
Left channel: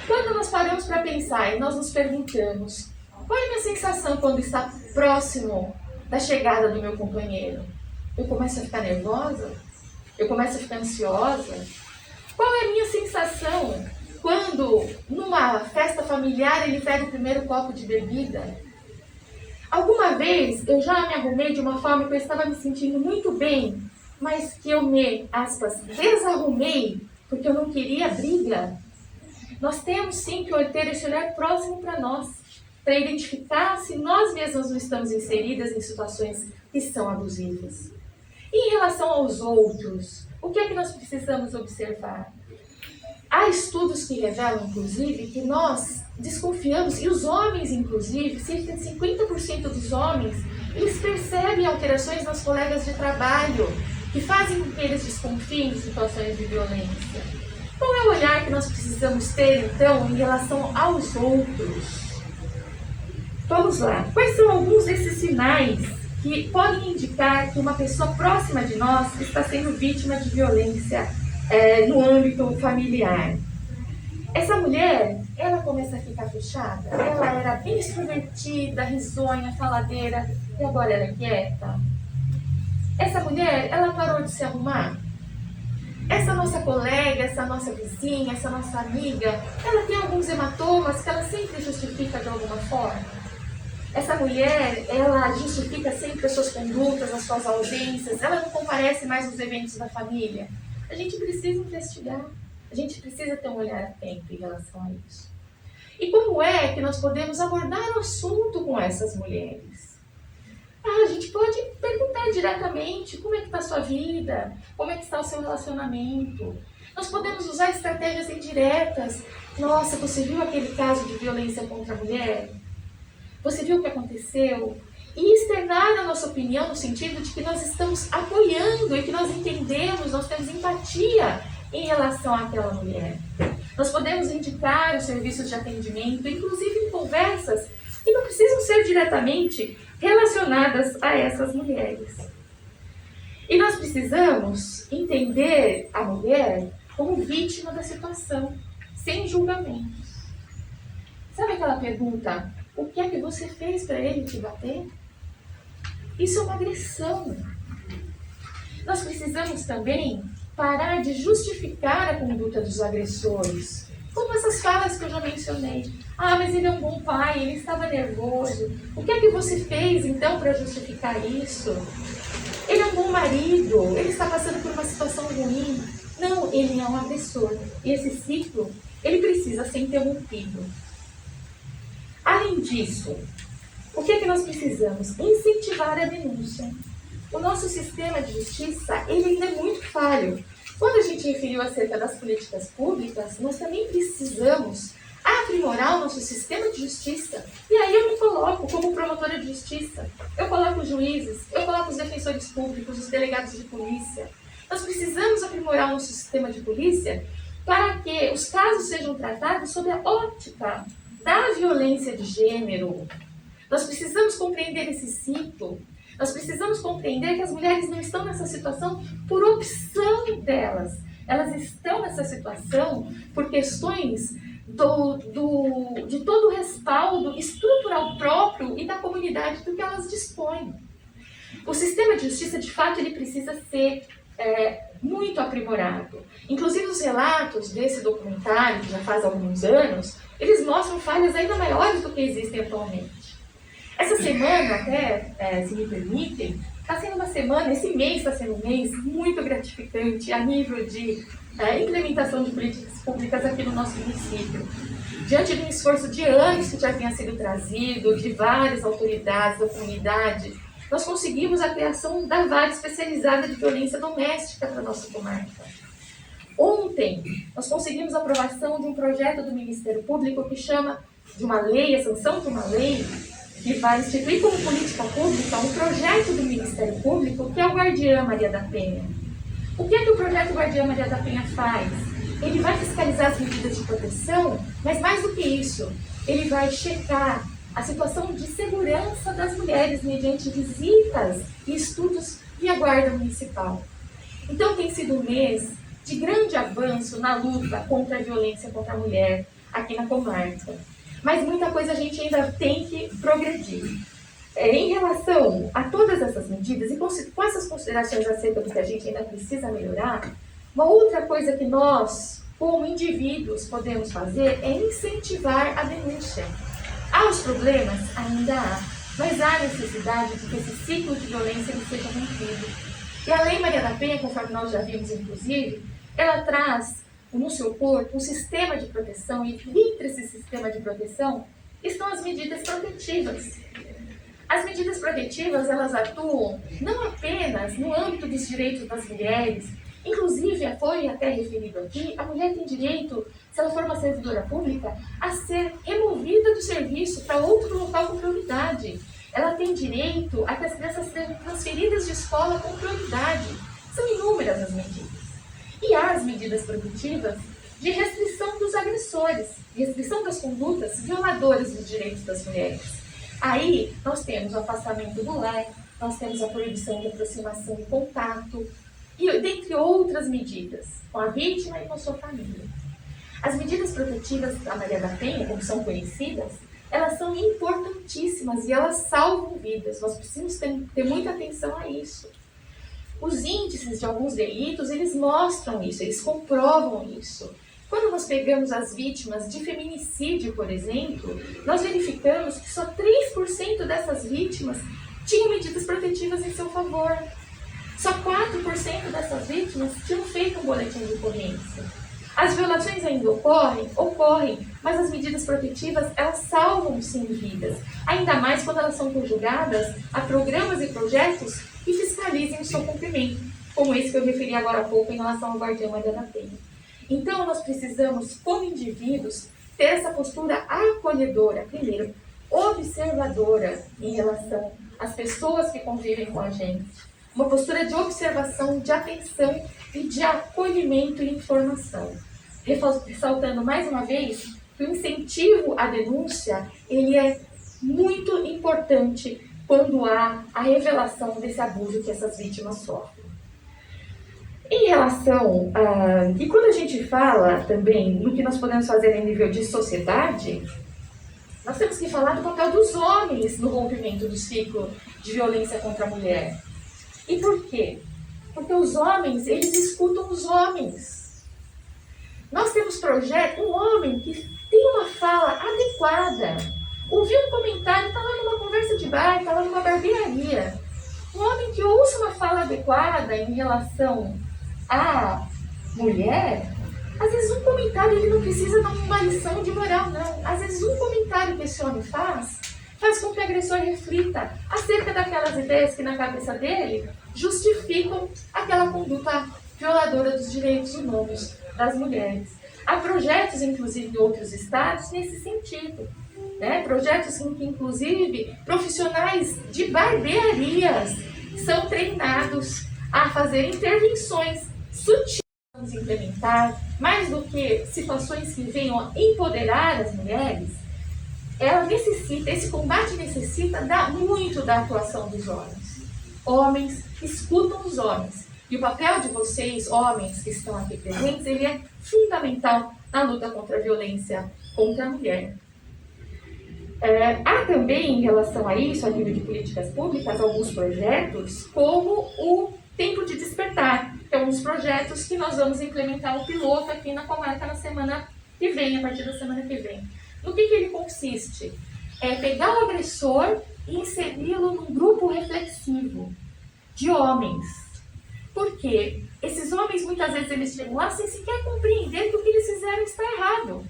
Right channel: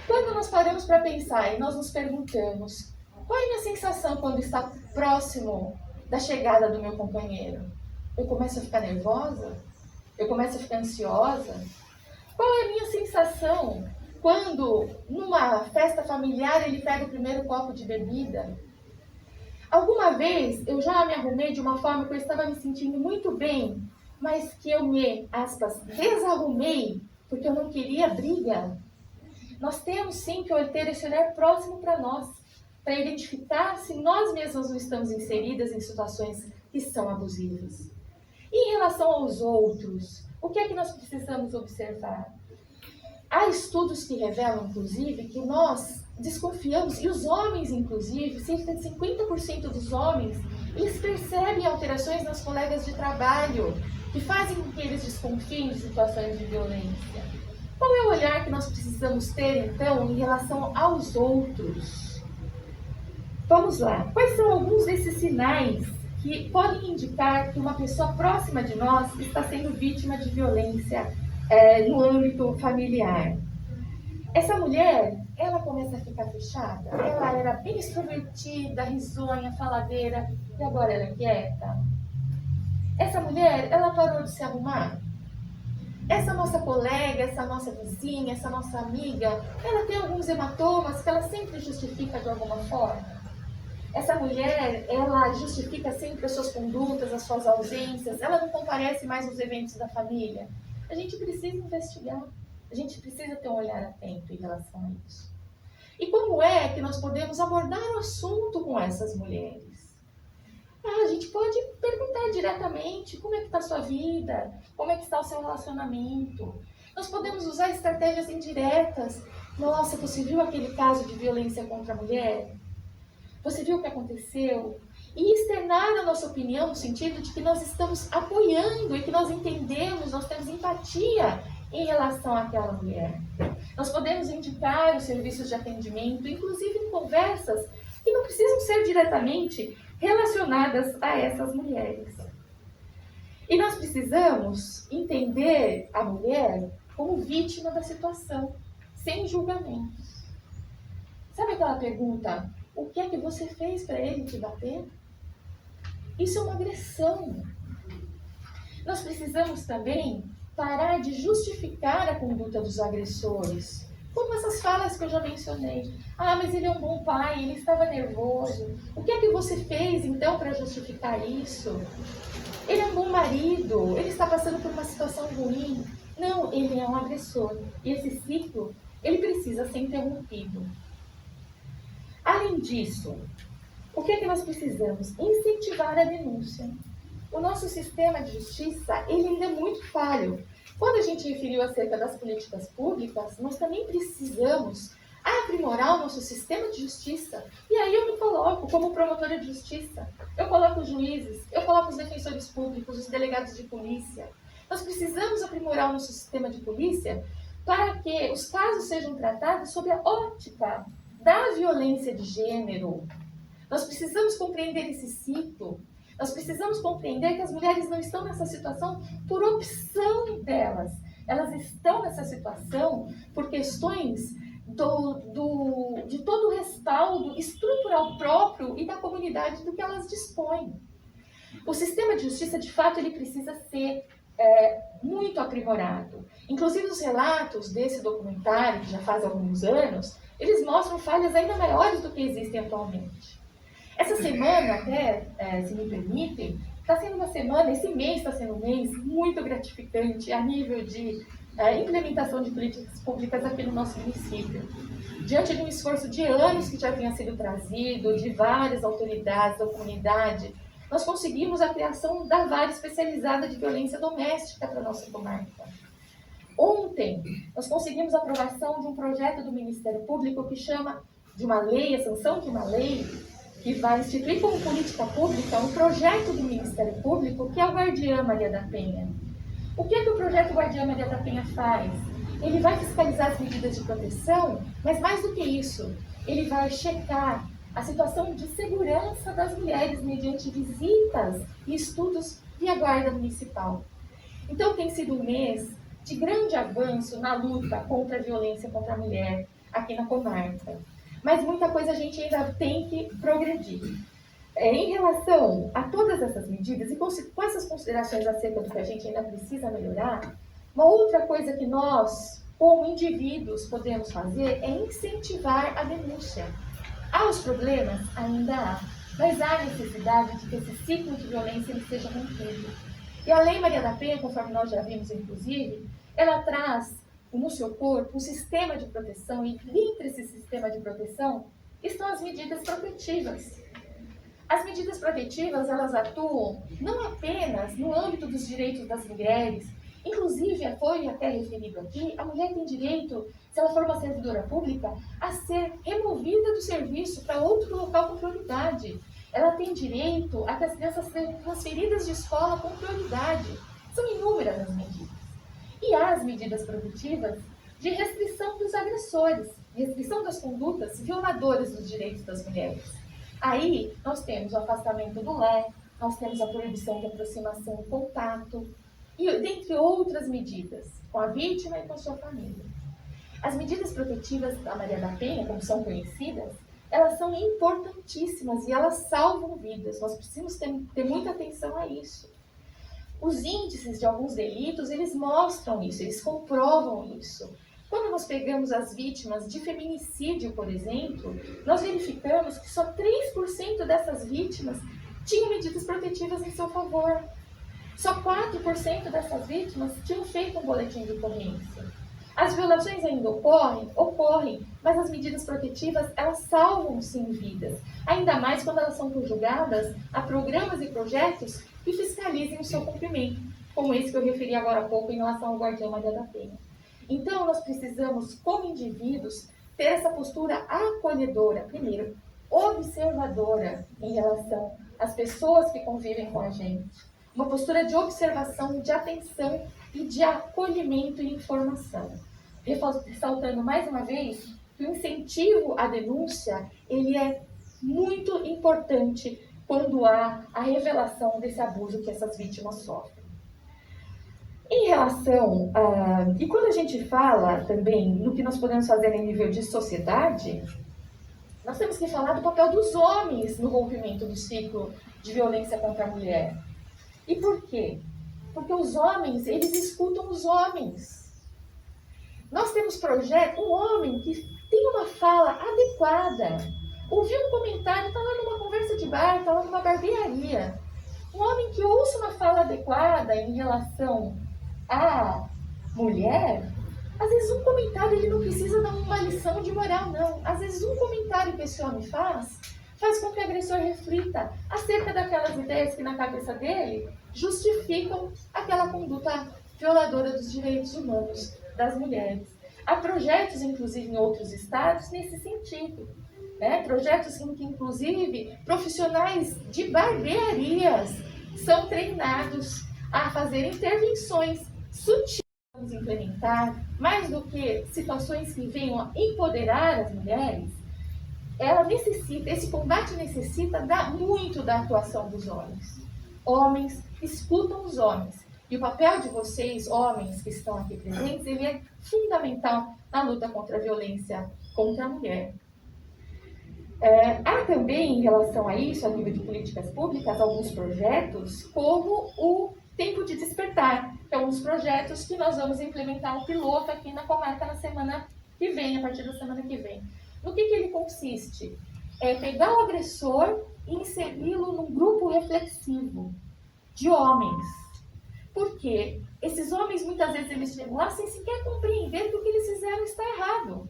Quando nós paramos para pensar e nós nos perguntamos, qual é a minha sensação quando está próximo da chegada do meu companheiro? Eu começo a ficar nervosa? Eu começo a ficar ansiosa? Qual é a minha sensação quando, numa festa familiar, ele pega o primeiro copo de bebida? Alguma vez eu já me arrumei de uma forma que eu estava me sentindo muito bem, mas que eu me, aspas, desarrumei porque eu não queria briga. Nós temos sim que ter esse olhar próximo para nós, para identificar se nós mesmos não estamos inseridas em situações que são abusivas. E em relação aos outros, o que é que nós precisamos observar? Há estudos que revelam, inclusive, que nós desconfiamos, e os homens, inclusive, cerca de 50% dos homens, eles percebem alterações nos colegas de trabalho, que fazem com que eles desconfiem de situações de violência. Qual é o olhar que nós precisamos ter, então, em relação aos outros? Vamos lá. Quais são alguns desses sinais que podem indicar que uma pessoa próxima de nós está sendo vítima de violência no âmbito familiar? Essa mulher, ela começa a ficar fechada. Ela era bem extrovertida, risonha, faladeira, e agora ela é quieta. Essa mulher, ela parou de se arrumar. Essa nossa colega, essa nossa vizinha, essa nossa amiga, ela tem alguns hematomas que ela sempre justifica de alguma forma. Essa mulher, ela justifica sempre as suas condutas, as suas ausências, ela não comparece mais nos eventos da família. A gente precisa investigar, a gente precisa ter um olhar atento em relação a isso. E como é que nós podemos abordar o assunto com essas mulheres? A gente pode perguntar diretamente como é que está a sua vida, como é que está o seu relacionamento. Nós podemos usar estratégias indiretas. Nossa, você viu aquele caso de violência contra a mulher? Você viu o que aconteceu? E externar a nossa opinião no sentido de que nós estamos apoiando e que nós entendemos, nós temos empatia em relação àquela mulher. Nós podemos indicar os serviços de atendimento, inclusive em conversas que não precisam ser diretamente relacionadas a essas mulheres. E nós precisamos entender a mulher como vítima da situação, sem julgamentos. Sabe aquela pergunta, o que é que você fez para ele te bater? Isso é uma agressão. Nós precisamos também parar de justificar a conduta dos agressores, como essas falas que eu já mencionei. Ah, mas ele é um bom pai, ele estava nervoso. O que é que você fez então para justificar isso? Ele é um bom marido, ele está passando por uma situação ruim. Não, ele é um agressor. E esse ciclo, ele precisa ser interrompido. Além disso, o que é que nós precisamos? Incentivar a denúncia. O nosso sistema de justiça, ele ainda é muito falho. Quando a gente referiu acerca das políticas públicas, nós também precisamos aprimorar o nosso sistema de justiça. E aí eu me coloco como promotora de justiça. Eu coloco os juízes, eu coloco os defensores públicos, os delegados de polícia. Nós precisamos aprimorar o nosso sistema de polícia para que os casos sejam tratados sob a ótica da violência de gênero. Nós precisamos compreender esse ciclo. Nós precisamos compreender que as mulheres não estão nessa situação por opção delas. Elas estão nessa situação por questões de todo o respaldo estrutural próprio e da comunidade do que elas dispõem. O sistema de justiça, de fato, ele precisa ser muito aprimorado. Inclusive, os relatos desse documentário, que já faz alguns anos, eles mostram falhas ainda maiores do que existem atualmente. Essa semana, até, se me permitem, está sendo uma semana, esse mês está sendo um mês muito gratificante a nível de implementação de políticas públicas aqui no nosso município. Diante de um esforço de anos que já tinha sido trazido, de várias autoridades da comunidade, nós conseguimos a criação da vara especializada de violência doméstica para a nossa comarca. Ontem, nós conseguimos a aprovação de um projeto do Ministério Público que chama de uma lei, a sanção de uma lei, que vai instituir como política pública um projeto do Ministério Público que é o Guardiã Maria da Penha. O que é que o projeto Guardiã Maria da Penha faz? Ele vai fiscalizar as medidas de proteção, mas mais do que isso, ele vai checar a situação de segurança das mulheres mediante visitas e estudos via Guarda Municipal. Então tem sido um mês de grande avanço na luta contra a violência contra a mulher aqui na comarca. Mas muita coisa a gente ainda tem que progredir. Em relação a todas essas medidas e com essas considerações acerca do que a gente ainda precisa melhorar, uma outra coisa que nós, como indivíduos, podemos fazer é incentivar a denúncia. Há os problemas? Ainda há, mas há necessidade de que esse ciclo de violência ele seja rompido. E a Lei Maria da Penha, conforme nós já vimos, inclusive, ela traz no seu corpo um sistema de proteção, e entre esse sistema de proteção estão as medidas protetivas. As medidas protetivas, elas atuam não apenas no âmbito dos direitos das mulheres, inclusive, foi até referido aqui, a mulher tem direito, se ela for uma servidora pública, a ser removida do serviço para outro local com prioridade. Ela tem direito a que as crianças sejam transferidas de escola com prioridade. São inúmeras as medidas. E há as medidas protetivas de restrição dos agressores, restrição das condutas violadoras dos direitos das mulheres. Aí, nós temos o afastamento do lar, nós temos a proibição de aproximação e contato, e dentre outras medidas, com a vítima e com sua família. As medidas protetivas da Maria da Penha, como são conhecidas, elas são importantíssimas e elas salvam vidas. Nós precisamos ter muita atenção a isso. Os índices de alguns delitos, eles mostram isso, eles comprovam isso. Quando nós pegamos as vítimas de feminicídio, por exemplo, nós verificamos que só 3% dessas vítimas tinham medidas protetivas em seu favor. Só 4% dessas vítimas tinham feito um boletim de ocorrência. As violações ainda ocorrem, mas as medidas protetivas, elas salvam sim vidas. Ainda mais quando elas são conjugadas a programas e projetos que fiscalizem o seu cumprimento, como esse que eu referi agora há pouco em relação ao Guardiã Maria da Penha. Então, nós precisamos, como indivíduos, ter essa postura acolhedora, primeiro, observadora em relação às pessoas que convivem com a gente. Uma postura de observação, de atenção e de acolhimento e informação. Ressaltando mais uma vez que o incentivo à denúncia, ele é muito importante quando há a revelação desse abuso que essas vítimas sofrem. Em relação a... E quando a gente fala também no que nós podemos fazer em nível de sociedade, nós temos que falar do papel dos homens no rompimento do ciclo de violência contra a mulher. E por quê? Porque os homens, eles escutam os homens. Nós temos projeto, um homem que tem uma fala adequada, ouviu um comentário, está lá numa conversa de bar, está lá numa barbearia. Um homem que ouça uma fala adequada em relação à mulher, às vezes um comentário ele não precisa dar uma lição de moral, não. Às vezes um comentário que esse homem faz com que o agressor reflita acerca daquelas ideias que na cabeça dele justificam aquela conduta violadora dos direitos humanos das mulheres. Há projetos, inclusive, em outros estados nesse sentido. Né? Projetos em que, inclusive, profissionais de barbearias são treinados a fazer intervenções sutis. Vamos implementar, mais do que situações que venham a empoderar as mulheres, esse combate necessita muito da atuação dos homens. Homens escutam os homens. E o papel de vocês, homens que estão aqui presentes, ele é fundamental na luta contra a violência contra a mulher. Há também, em relação a isso, a nível de políticas públicas, alguns projetos, como o Tempo de Despertar, que é um dos projetos que nós vamos implementar um piloto aqui na comarca na semana que vem, a partir da semana que vem. No que ele consiste? É pegar o agressor e inseri-lo num grupo reflexivo de homens. Por quê? Esses homens, muitas vezes, eles chegam lá sem sequer compreender que o que eles fizeram está errado.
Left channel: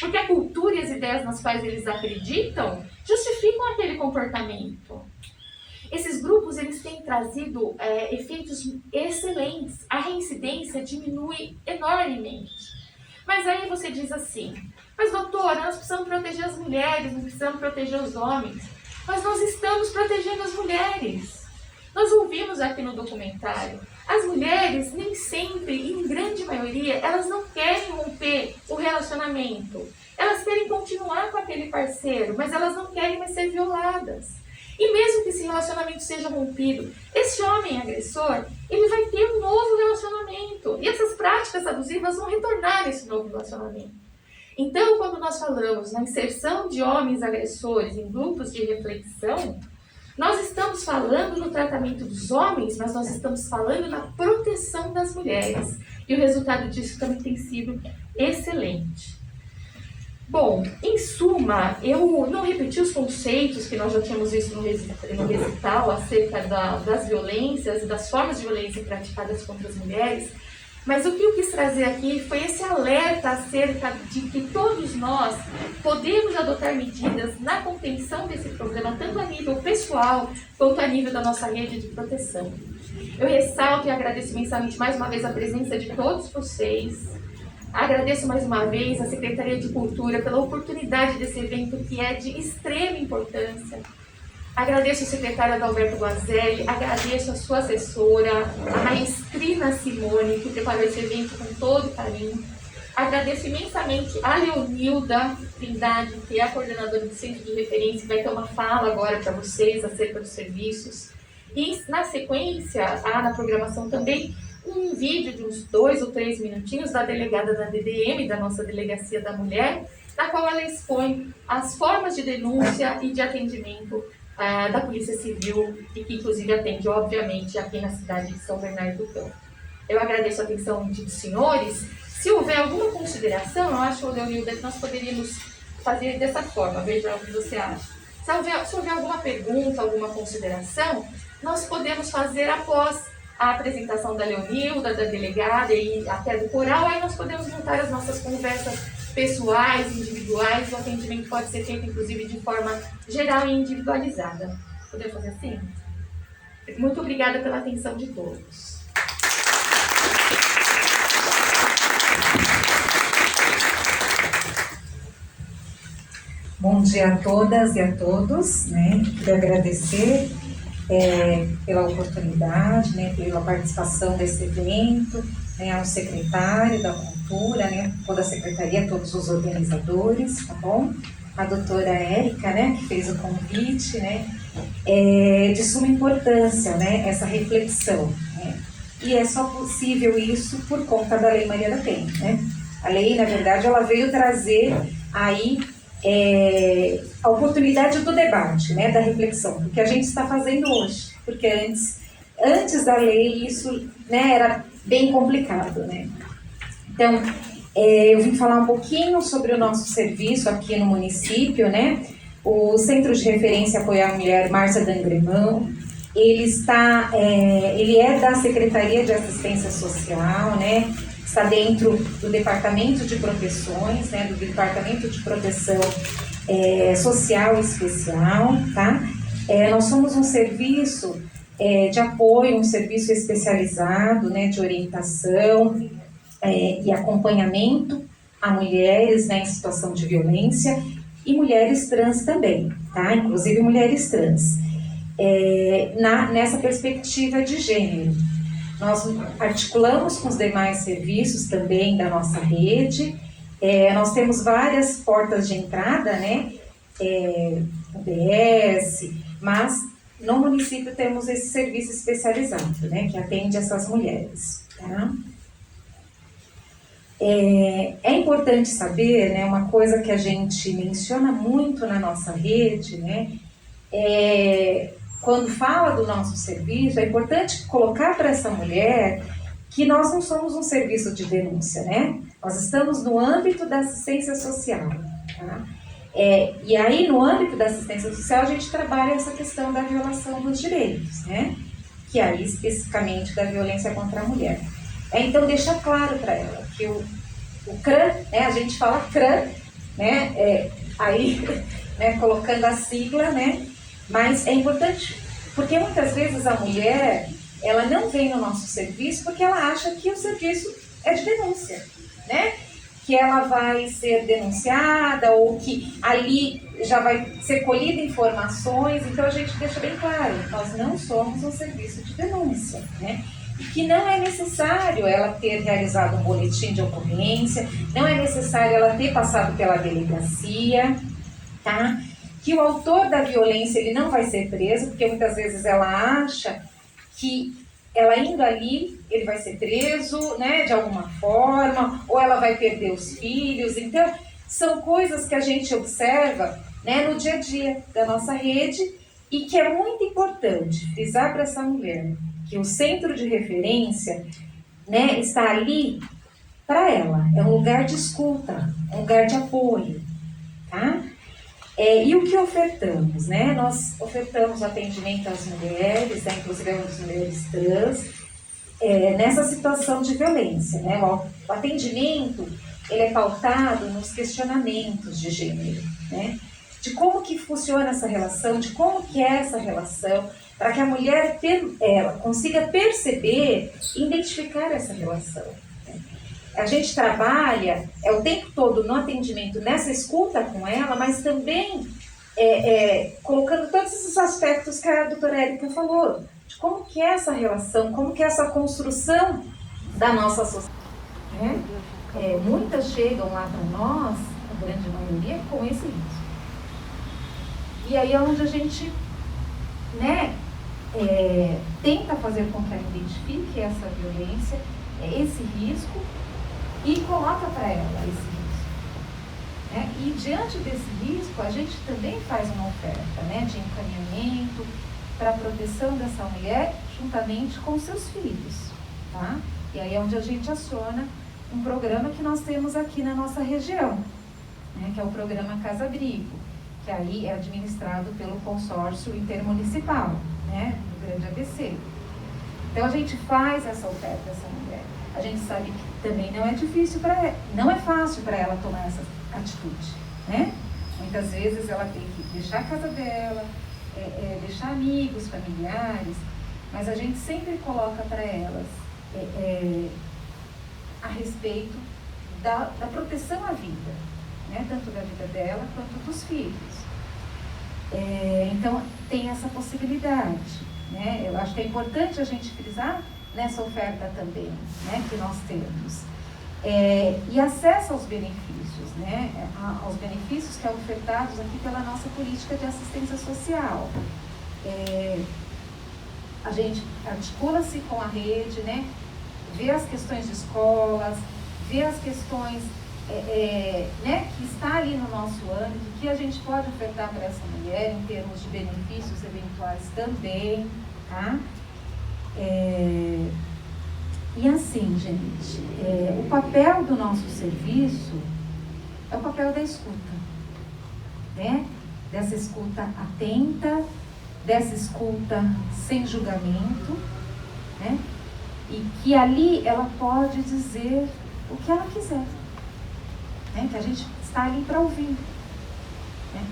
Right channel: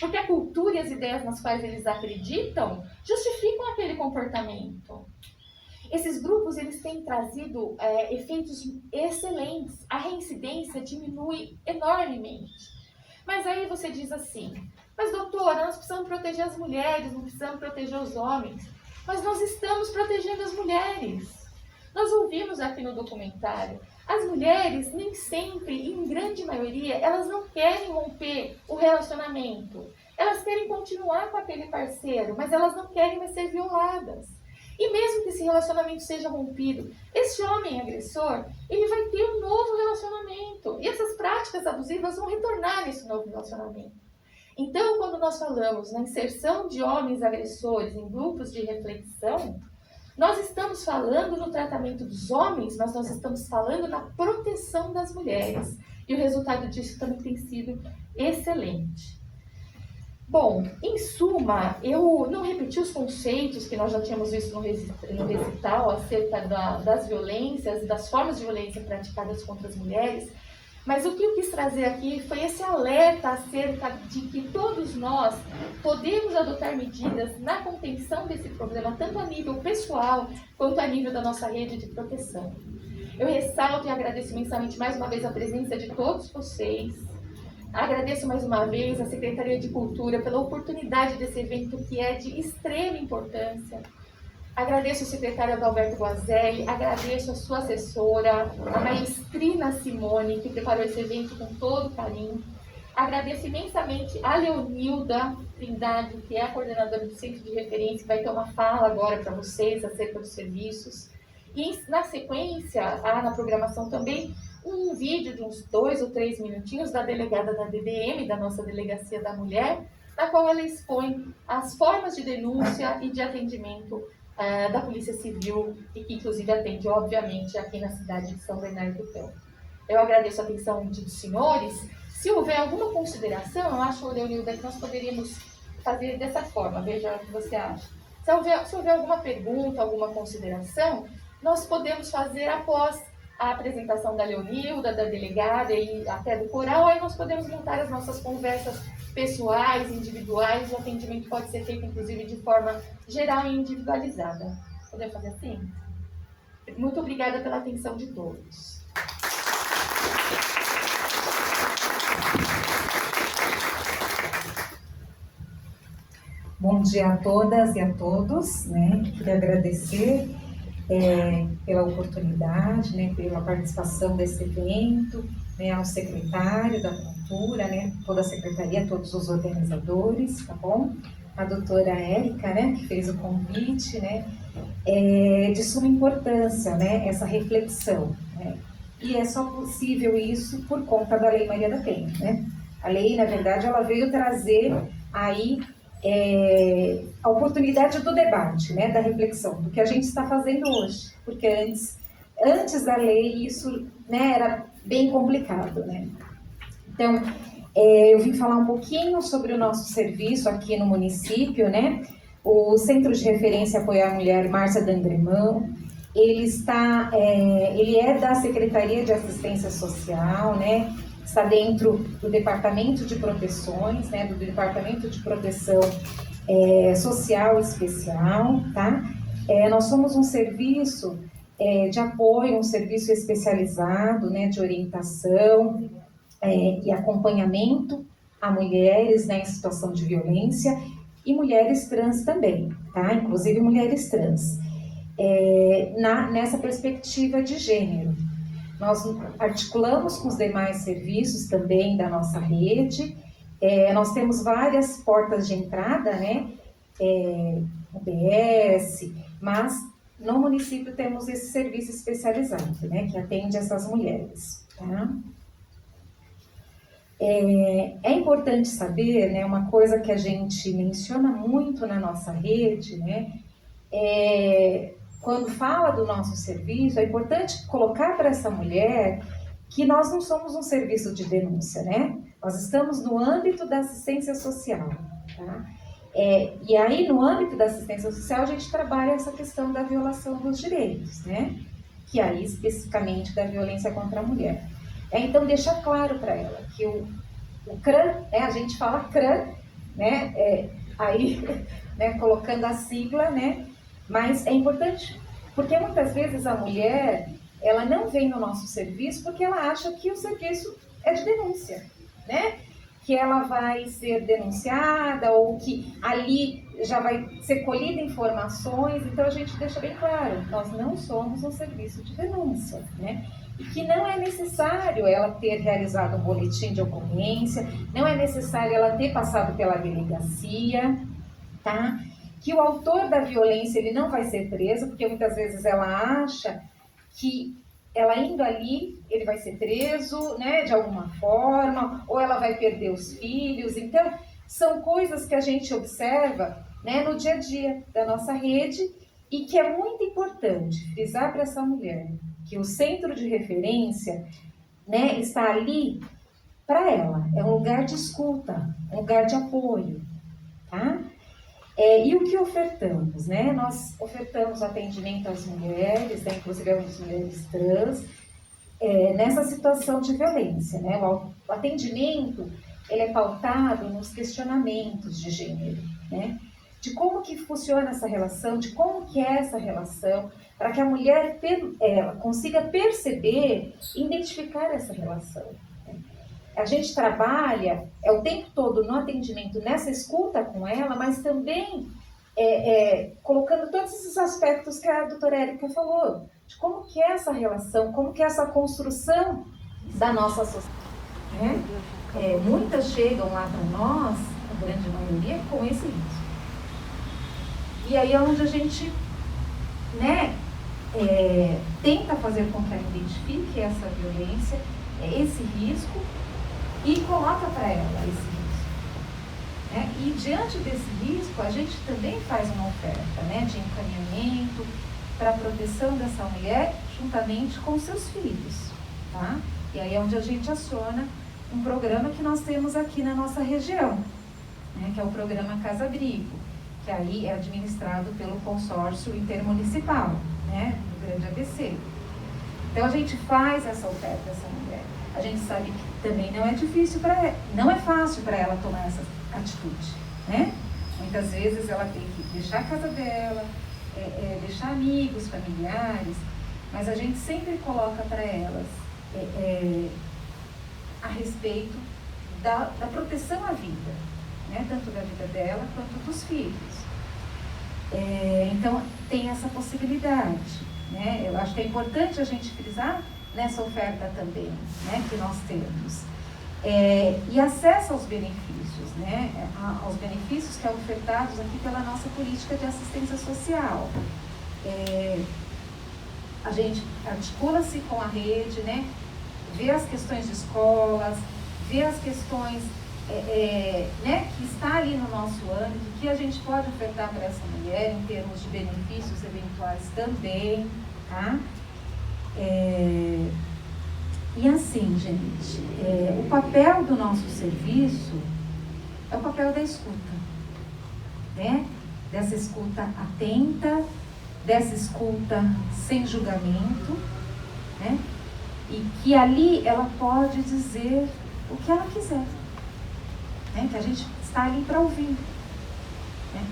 Porque a cultura e as ideias nas quais eles acreditam justificam aquele comportamento. Esses grupos, eles têm trazido efeitos excelentes. A reincidência diminui enormemente. Mas aí você diz assim, mas doutora, nós precisamos proteger as mulheres, não precisamos proteger os homens. Mas nós estamos protegendo as mulheres. Nós ouvimos aqui no documentário As mulheres, nem sempre, e em grande maioria, elas não querem romper o relacionamento. Elas querem continuar com aquele parceiro, mas elas não querem mais ser violadas. E mesmo que esse relacionamento seja rompido, esse homem agressor, ele vai ter um novo relacionamento. E essas práticas abusivas vão retornar nesse novo relacionamento. Então, quando nós falamos na inserção de homens agressores em grupos de reflexão, nós estamos falando no tratamento dos homens, mas nós estamos falando na proteção das mulheres. E o resultado disso também tem sido excelente. Bom, em suma, eu não repeti os conceitos que nós já tínhamos visto no recital acerca das violências e das formas de violência praticadas contra as mulheres, mas o que eu quis trazer aqui foi esse alerta acerca de que todos nós podemos adotar medidas na contenção desse problema, tanto a nível pessoal quanto a nível da nossa rede de proteção. Eu ressalto e agradeço imensamente mais uma vez a presença de todos vocês. Agradeço mais uma vez à Secretaria de Cultura pela oportunidade desse evento que é de extrema importância. Agradeço ao secretário Adalberto Guazelli, agradeço a sua assessora, a maestrina Simone, que preparou esse evento com todo carinho. Agradeço imensamente a Leonilda Trindade, que é a coordenadora do Centro de Referência, que vai ter uma fala agora para vocês acerca dos serviços. E, na sequência, há na programação também um vídeo de uns 2 ou 3 minutinhos da delegada da DDM, da nossa Delegacia da Mulher, na qual ela expõe as formas de denúncia e de atendimento da Polícia Civil e que inclusive atende, obviamente, aqui na cidade de São Bernardo do Campo. Eu agradeço a atenção dos senhores. Se houver alguma consideração, eu acho, Leonilda, que nós poderíamos fazer dessa forma, veja o que você acha. Se houver alguma pergunta, alguma consideração, nós podemos fazer após a apresentação da Leonilda, da delegada e até do coral, aí nós podemos montar as nossas conversas pessoais, individuais, o atendimento pode ser feito, inclusive, de forma geral e individualizada. Podemos fazer assim? Muito obrigada pela atenção de todos. Bom dia a todas e a todos, né? Queria agradecer pela oportunidade, né, pela participação desse evento, né, ao secretário da Cultura, né, toda a secretaria, todos os organizadores, tá bom? A doutora Érica, né, que fez o convite, né, de suma importância, né, essa reflexão, né, e é só possível isso por conta da Lei Maria da Penha, né? A lei, na verdade, ela veio trazer aí a oportunidade do debate, né, da reflexão, do que a gente está fazendo hoje, porque antes da lei isso, né, era bem complicado, né? Então, eu vim falar um pouquinho sobre o nosso serviço aqui no município, né? O Centro de Referência Apoiar a Mulher Márcia Dangremão, ele é da Secretaria de Assistência Social, né? Está dentro do Departamento de Proteções, né, do Departamento de Proteção Social Especial, tá? Nós somos um serviço de apoio, um serviço especializado, né, de orientação e acompanhamento a mulheres, né, em situação de violência e mulheres trans também, tá? Inclusive mulheres trans, nessa perspectiva de gênero. Nós articulamos com os demais serviços também da nossa rede. Nós temos várias portas de entrada, né? UBS, mas no município temos esse serviço especializado, né? Que atende essas mulheres, tá? É importante saber, né? Uma coisa que a gente menciona muito na nossa rede, né? Quando fala do nosso serviço, é importante colocar para essa mulher que nós não somos um serviço de denúncia, né? Nós estamos no âmbito da assistência social, tá? E aí, no âmbito da assistência social, a gente trabalha essa questão da violação dos direitos, né? Que aí, especificamente, da violência contra a mulher. Então, deixar claro para ela que o CRAM, né? A gente fala CRAM, né? Aí, né? Colocando a sigla, né? Mas é importante, porque muitas vezes a mulher, ela não vem no nosso serviço porque ela acha que o serviço é de denúncia, né? Que ela vai ser denunciada ou que ali já vai ser colhida informações. Então a gente deixa bem claro, nós não somos um serviço de denúncia, né? que não é necessário ela ter realizado um boletim de ocorrência, não é necessário ela ter passado pela delegacia, tá? Que o autor da violência ele não vai ser preso, porque muitas vezes ela acha que ela indo ali, ele vai ser preso, né, de alguma forma, ou ela vai perder os filhos. Então, são coisas que a gente observa, né, no dia a dia da nossa rede e que é muito importante frisar para essa mulher que o centro de referência, né, está ali para ela. É um lugar de escuta, é um lugar de apoio, tá? E o que ofertamos, né? Nós ofertamos atendimento às mulheres, né? Inclusive às mulheres trans, nessa situação de violência, né? O atendimento, ele é pautado nos questionamentos de gênero, né? De como que funciona essa relação, de como que é essa relação, para que a mulher ela consiga perceber e identificar essa relação. A gente trabalha o tempo todo no atendimento, nessa escuta com ela, mas também colocando todos esses aspectos que a doutora Érica falou, de como que é essa relação, como que é essa construção da nossa sociedade. Muitas chegam lá para nós, a grande maioria, com esse risco. E aí é onde a gente, né, tenta fazer com que ela identifique essa violência, esse risco, e coloca para ela esse risco. Né? E diante desse risco, a gente também faz uma oferta, né, de encaminhamento para a proteção dessa mulher juntamente com seus filhos. Tá? E aí é onde a gente aciona um programa que nós temos aqui na nossa região, né, que é o programa Casa Abrigo, que aí é administrado pelo consórcio intermunicipal, né, do Grande ABC. Então a gente faz essa oferta dessa mulher. A gente sabe que também não é difícil não é fácil para ela tomar essa atitude, né? Muitas vezes ela tem que deixar a casa dela, deixar amigos, familiares, mas a gente sempre coloca para elas a respeito da proteção à vida, né? Tanto da vida dela quanto dos filhos. Então tem essa possibilidade, né? Eu acho que é importante a gente frisar nessa oferta também, né, que nós temos. E acesso aos benefícios, né, aos benefícios que são ofertados aqui pela nossa política de assistência social. A gente articula-se com a rede, né, vê as questões de escolas, vê as questões né, que está ali no nosso âmbito, que a gente pode ofertar para essa mulher em termos de benefícios eventuais também, tá? E assim, gente, o papel do nosso serviço é o papel da escuta, né? Dessa escuta atenta, dessa escuta sem julgamento, né? E que ali ela pode dizer o que ela quiser, né? Que a gente está ali para ouvir, né?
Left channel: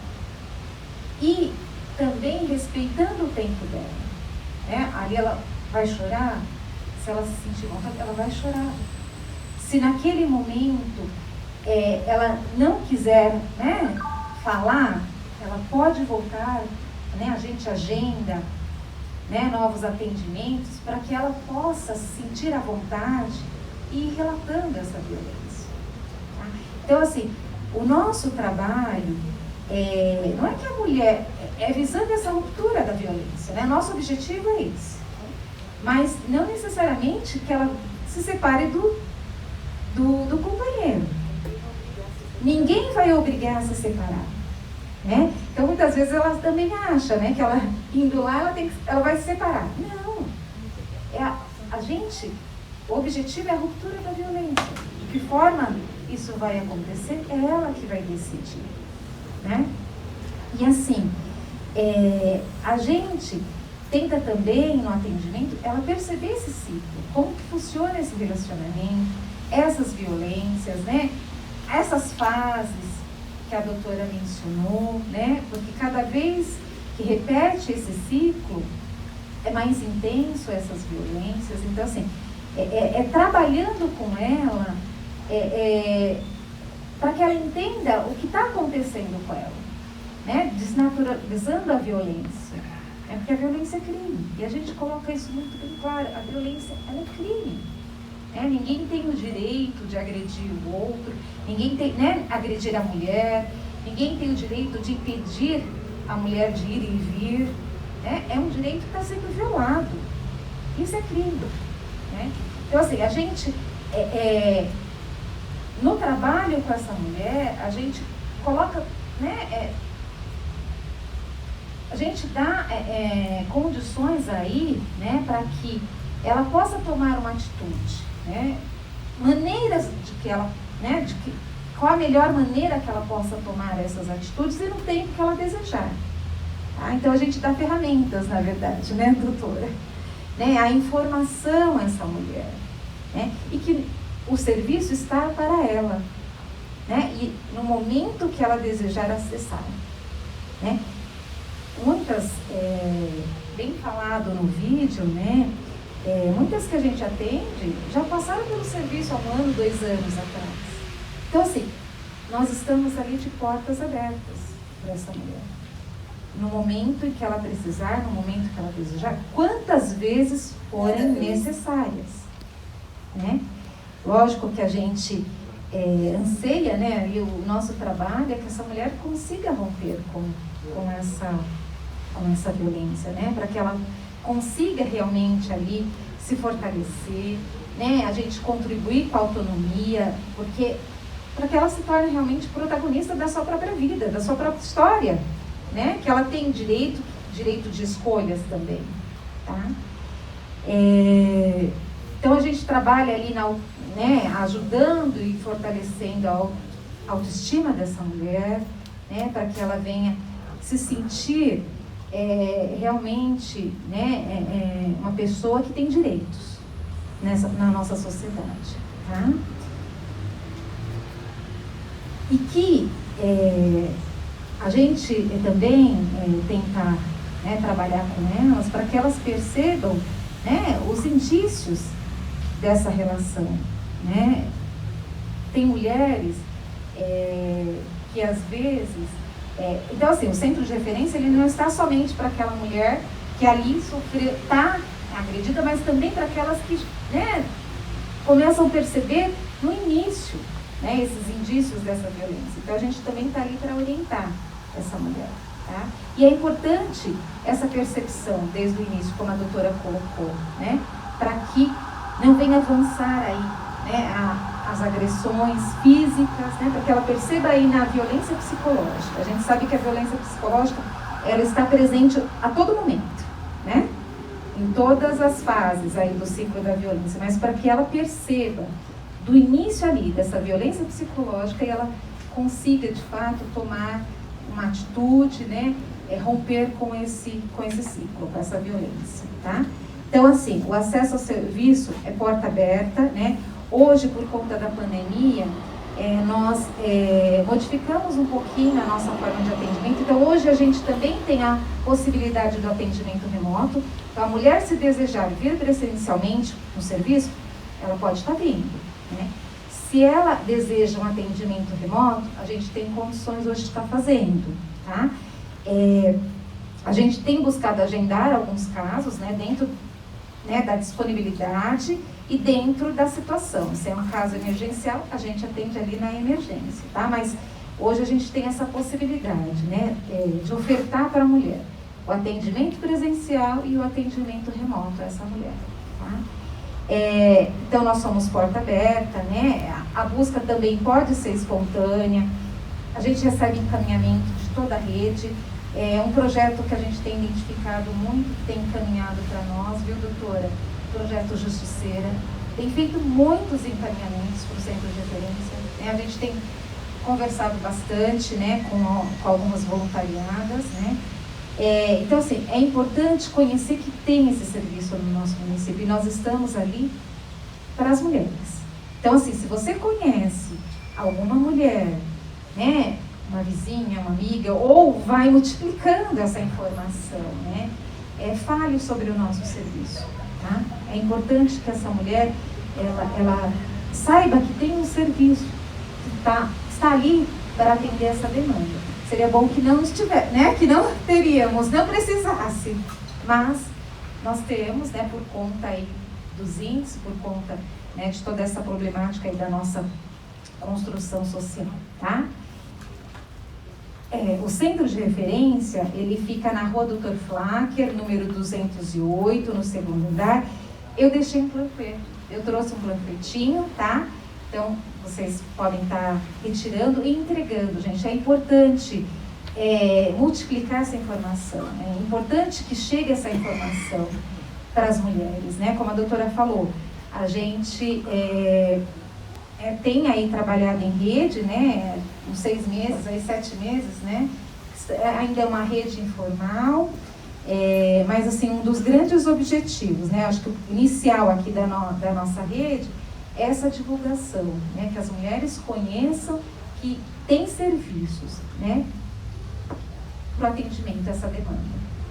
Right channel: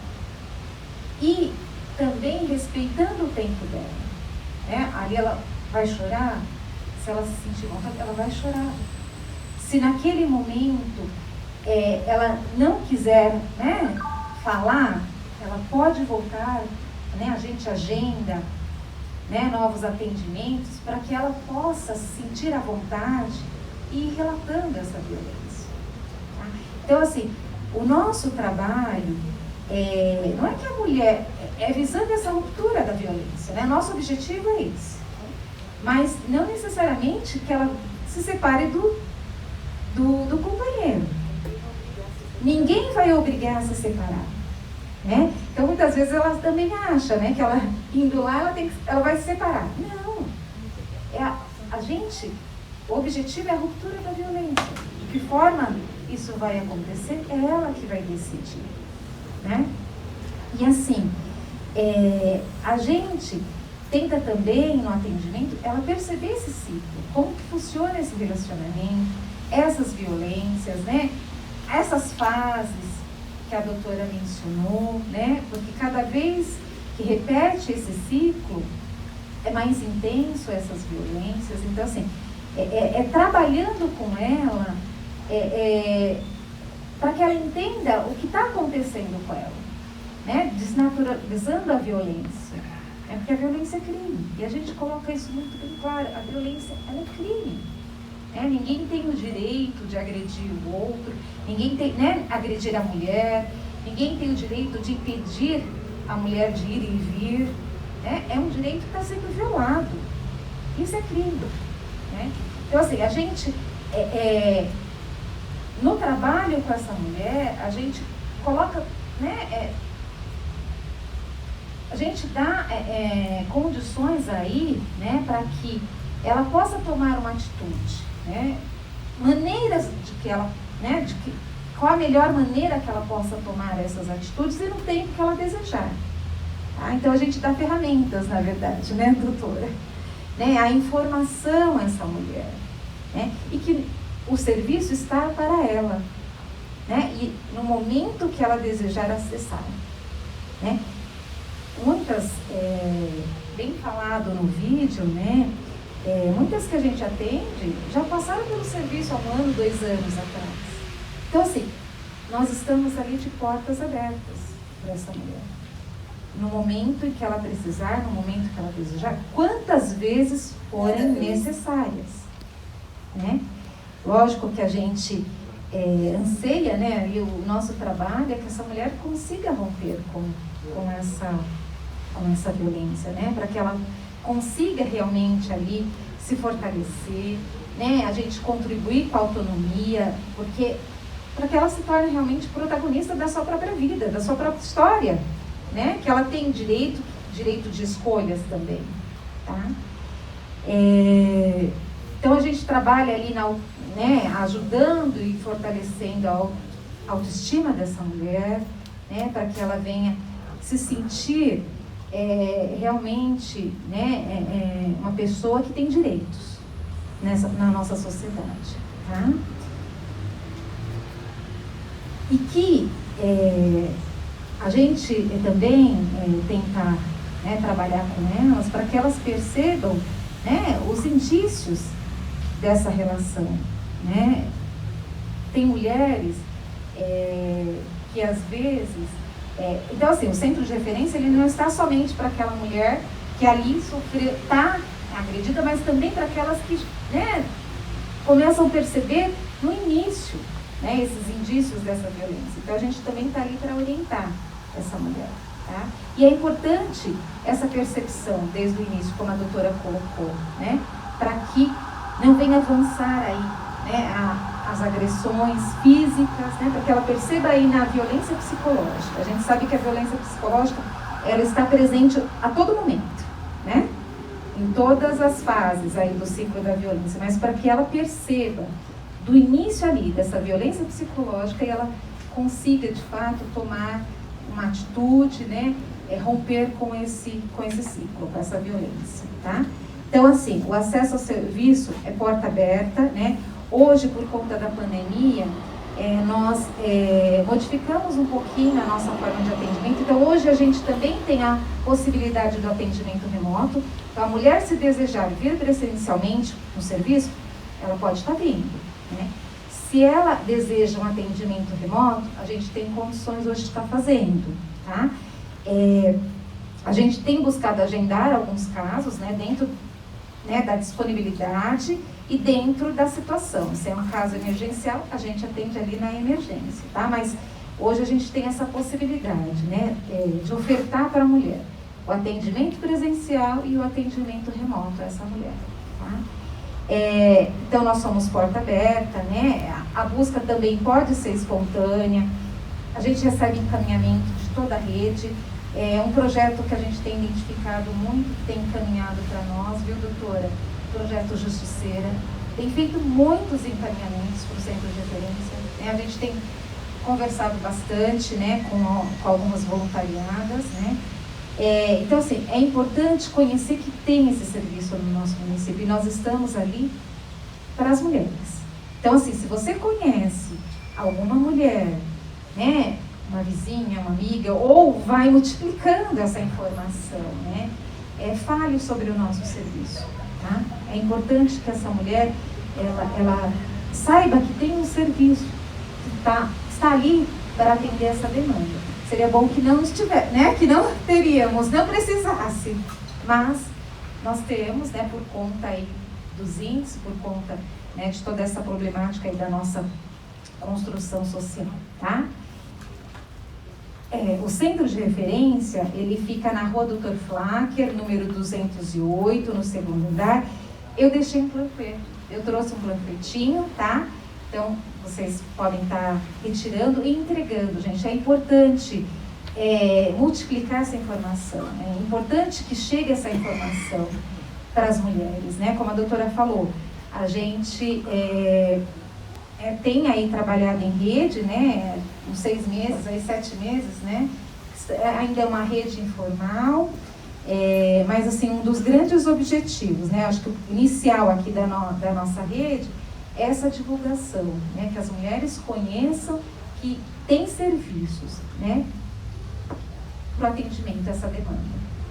E também respeitando o tempo dela, né? Ali ela vai chorar, se ela se sentir vontade, ela vai chorar. Se naquele momento ela não quiser, né, falar, ela pode voltar, né, a gente agenda, né, novos atendimentos para que ela possa se sentir à vontade e ir relatando essa violência. Tá? Então, assim, o nosso trabalho não é que a mulher, visando essa ruptura da violência, né? Nosso objetivo é esse. Mas não necessariamente que ela se separe do companheiro. Ninguém vai obrigar a se separar, né? Então muitas vezes ela também acha, né, que ela indo lá ela vai se separar. Não. O objetivo é a ruptura da violência. De que forma isso vai acontecer, é ela que vai decidir, né? E assim, a gente tenta também, no atendimento, ela perceber esse ciclo, como que funciona esse relacionamento, essas violências, né? Essas fases que a doutora mencionou, né? Porque cada vez que repete esse ciclo, é mais intenso essas violências. Então, assim, trabalhando com ela, para que ela entenda o que está acontecendo com ela, né? Desnaturalizando a violência. Porque a violência é crime. E a gente coloca isso muito bem claro. A violência, ela é crime. Ninguém tem o direito de agredir o outro, ninguém tem, agredir a mulher, ninguém tem o direito de impedir a mulher de ir e vir. É um direito que está sendo violado. Isso é crime. Então, assim, a gente, no trabalho com essa mulher, a gente coloca, a gente dá condições aí, para que ela possa tomar uma atitude, maneiras de que ela, qual a melhor maneira que ela possa tomar essas atitudes e no tempo que ela desejar. Tá? Então a gente dá ferramentas, na verdade, doutora? A informação a essa mulher, e que o serviço está para ela, e no momento que ela desejar acessar. Muitas, bem falado no vídeo, muitas que a gente atende já passaram pelo serviço há 1 ano, 2 anos atrás. Então, assim, nós estamos ali de portas abertas para essa mulher. No momento em que ela precisar, no momento que ela desejar, quantas vezes forem necessárias. Lógico que a gente anseia, e o nosso trabalho é que essa mulher consiga romper com essa violência, para que ela consiga realmente ali se fortalecer, a gente contribuir com a autonomia, porque para que ela se torne realmente protagonista da sua própria vida, da sua própria história, que ela tem direito de escolhas também, tá? Então a gente trabalha ali ajudando e fortalecendo a autoestima dessa mulher, para que ela venha se sentir realmente uma pessoa que tem direitos na nossa sociedade, tá? E que a gente também tenta trabalhar com elas para que elas percebam os indícios dessa relação. Tem mulheres que às vezes... então, assim, o centro de referência ele não está somente para aquela mulher que ali está agredida, mas também para aquelas que começam a perceber no início esses indícios dessa violência. Então, a gente também está ali para orientar essa mulher. Tá? E é importante essa percepção desde o início, como a doutora colocou, para que não venha avançar aí as agressões físicas, para que ela perceba aí na violência psicológica. A gente sabe que a violência psicológica ela está presente a todo momento, em todas as fases aí do ciclo da violência, mas para que ela perceba do início ali dessa violência psicológica e ela consiga de fato tomar uma atitude, romper com esse ciclo, com essa violência, tá? Então, assim, o acesso ao serviço é porta aberta, Hoje, por conta da pandemia, nós modificamos um pouquinho a nossa forma de atendimento. Então, hoje a gente também tem a possibilidade do atendimento remoto. Então, a mulher, se desejar vir presencialmente no serviço, ela pode estar vindo, Se ela deseja um atendimento remoto, a gente tem condições hoje de estar fazendo, tá? A gente tem buscado agendar alguns casos, dentro da disponibilidade e dentro da situação. Se é um caso emergencial, a gente atende ali na emergência, tá? Mas hoje a gente tem essa possibilidade, de ofertar para a mulher o atendimento presencial e o atendimento remoto a essa mulher, tá? Então, nós somos porta aberta, A busca também pode ser espontânea. A gente recebe encaminhamento de toda a rede. É um projeto que a gente tem identificado muito, que tem encaminhado para nós, viu, doutora? Projeto Justiceira. Tem feito muitos encaminhamentos para o centro de referência. A gente tem conversado bastante, com algumas voluntariadas, Então, assim, é importante conhecer que tem esse serviço no nosso município e nós estamos ali para as mulheres. Então, assim, se você conhece alguma mulher, uma vizinha, uma amiga, ou vai multiplicando essa informação, fale sobre o nosso serviço, tá? É importante que essa mulher, ela saiba que tem um serviço que está ali para atender essa demanda. Seria bom que não estiver, que não teríamos, não precisasse Mas nós temos, né, por conta aí dos índices, por conta, né, de toda essa problemática aí da nossa construção social, tá? O centro de referência, ele fica na Rua Dr. Flacker, número 208, no segundo andar. Eu deixei um panfleto, eu trouxe um panfletinho, tá? Então, vocês podem estar retirando e entregando, gente. É importante multiplicar essa informação, é importante que chegue essa informação para as mulheres, né? Como a doutora falou, a gente tem aí trabalhado em rede, né? Uns 6 meses, aí 7 meses, né? Ainda é uma rede informal, mas assim, um dos grandes objetivos, né? Acho que o inicial aqui da nossa rede é essa divulgação, né? Que as mulheres conheçam que tem serviços, né? Para o atendimento a essa demanda,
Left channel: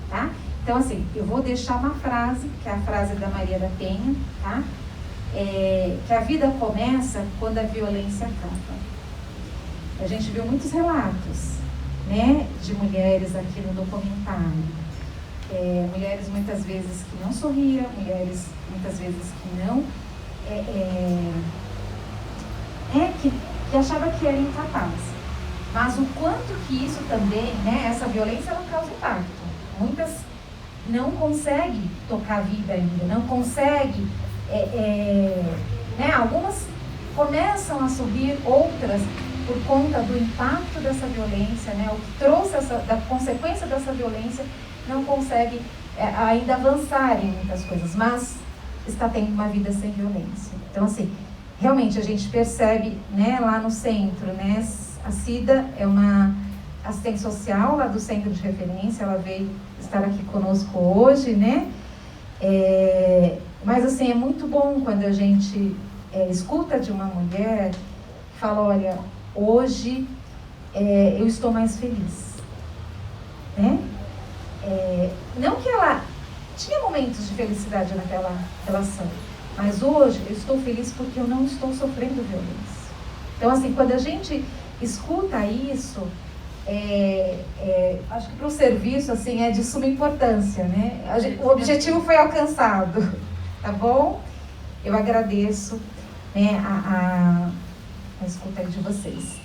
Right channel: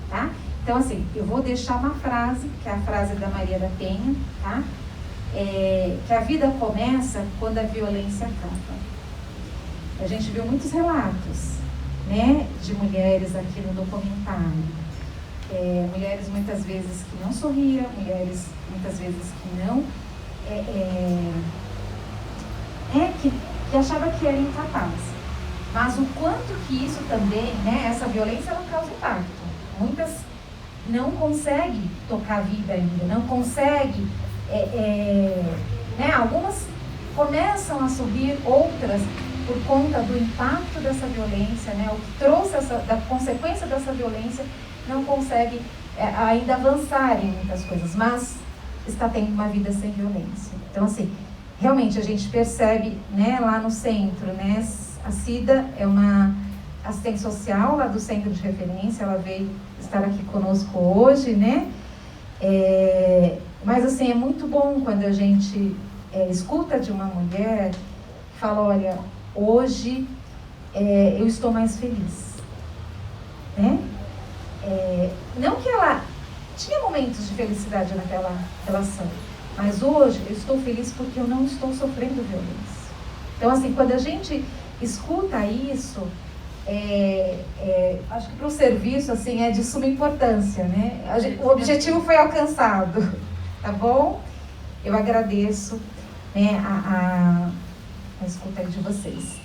tá? Então, assim, eu vou deixar uma frase, que é a frase da Maria da Penha, tá? Que a vida começa quando a violência acaba. A gente viu muitos relatos, né, de mulheres aqui no documentário. Mulheres muitas vezes que não sorriam, mulheres muitas vezes que não, que achava que era incapaz. Mas o quanto que isso também, né, essa violência não causa impacto. Muitas não conseguem tocar a vida ainda, não conseguem, né, algumas começam a sorrir, outras, por conta do impacto dessa violência, né, o que trouxe da consequência dessa violência, não consegue ainda avançar em muitas coisas, mas está tendo uma vida sem violência. Então, assim, realmente a gente percebe, né, lá no centro, né, a Cida é uma assistente social lá do centro de referência, ela veio estar aqui conosco hoje, né, mas assim, é muito bom quando a gente escuta de uma mulher que fala, olha, hoje eu estou mais feliz, né? Não que ela tinha momentos de felicidade naquela relação, mas hoje eu estou feliz porque eu não estou sofrendo violência. Então, assim, quando a gente escuta isso, acho que para o serviço, assim, é de suma importância, né? O objetivo foi alcançado, tá bom? Eu agradeço, né, a escuta de vocês.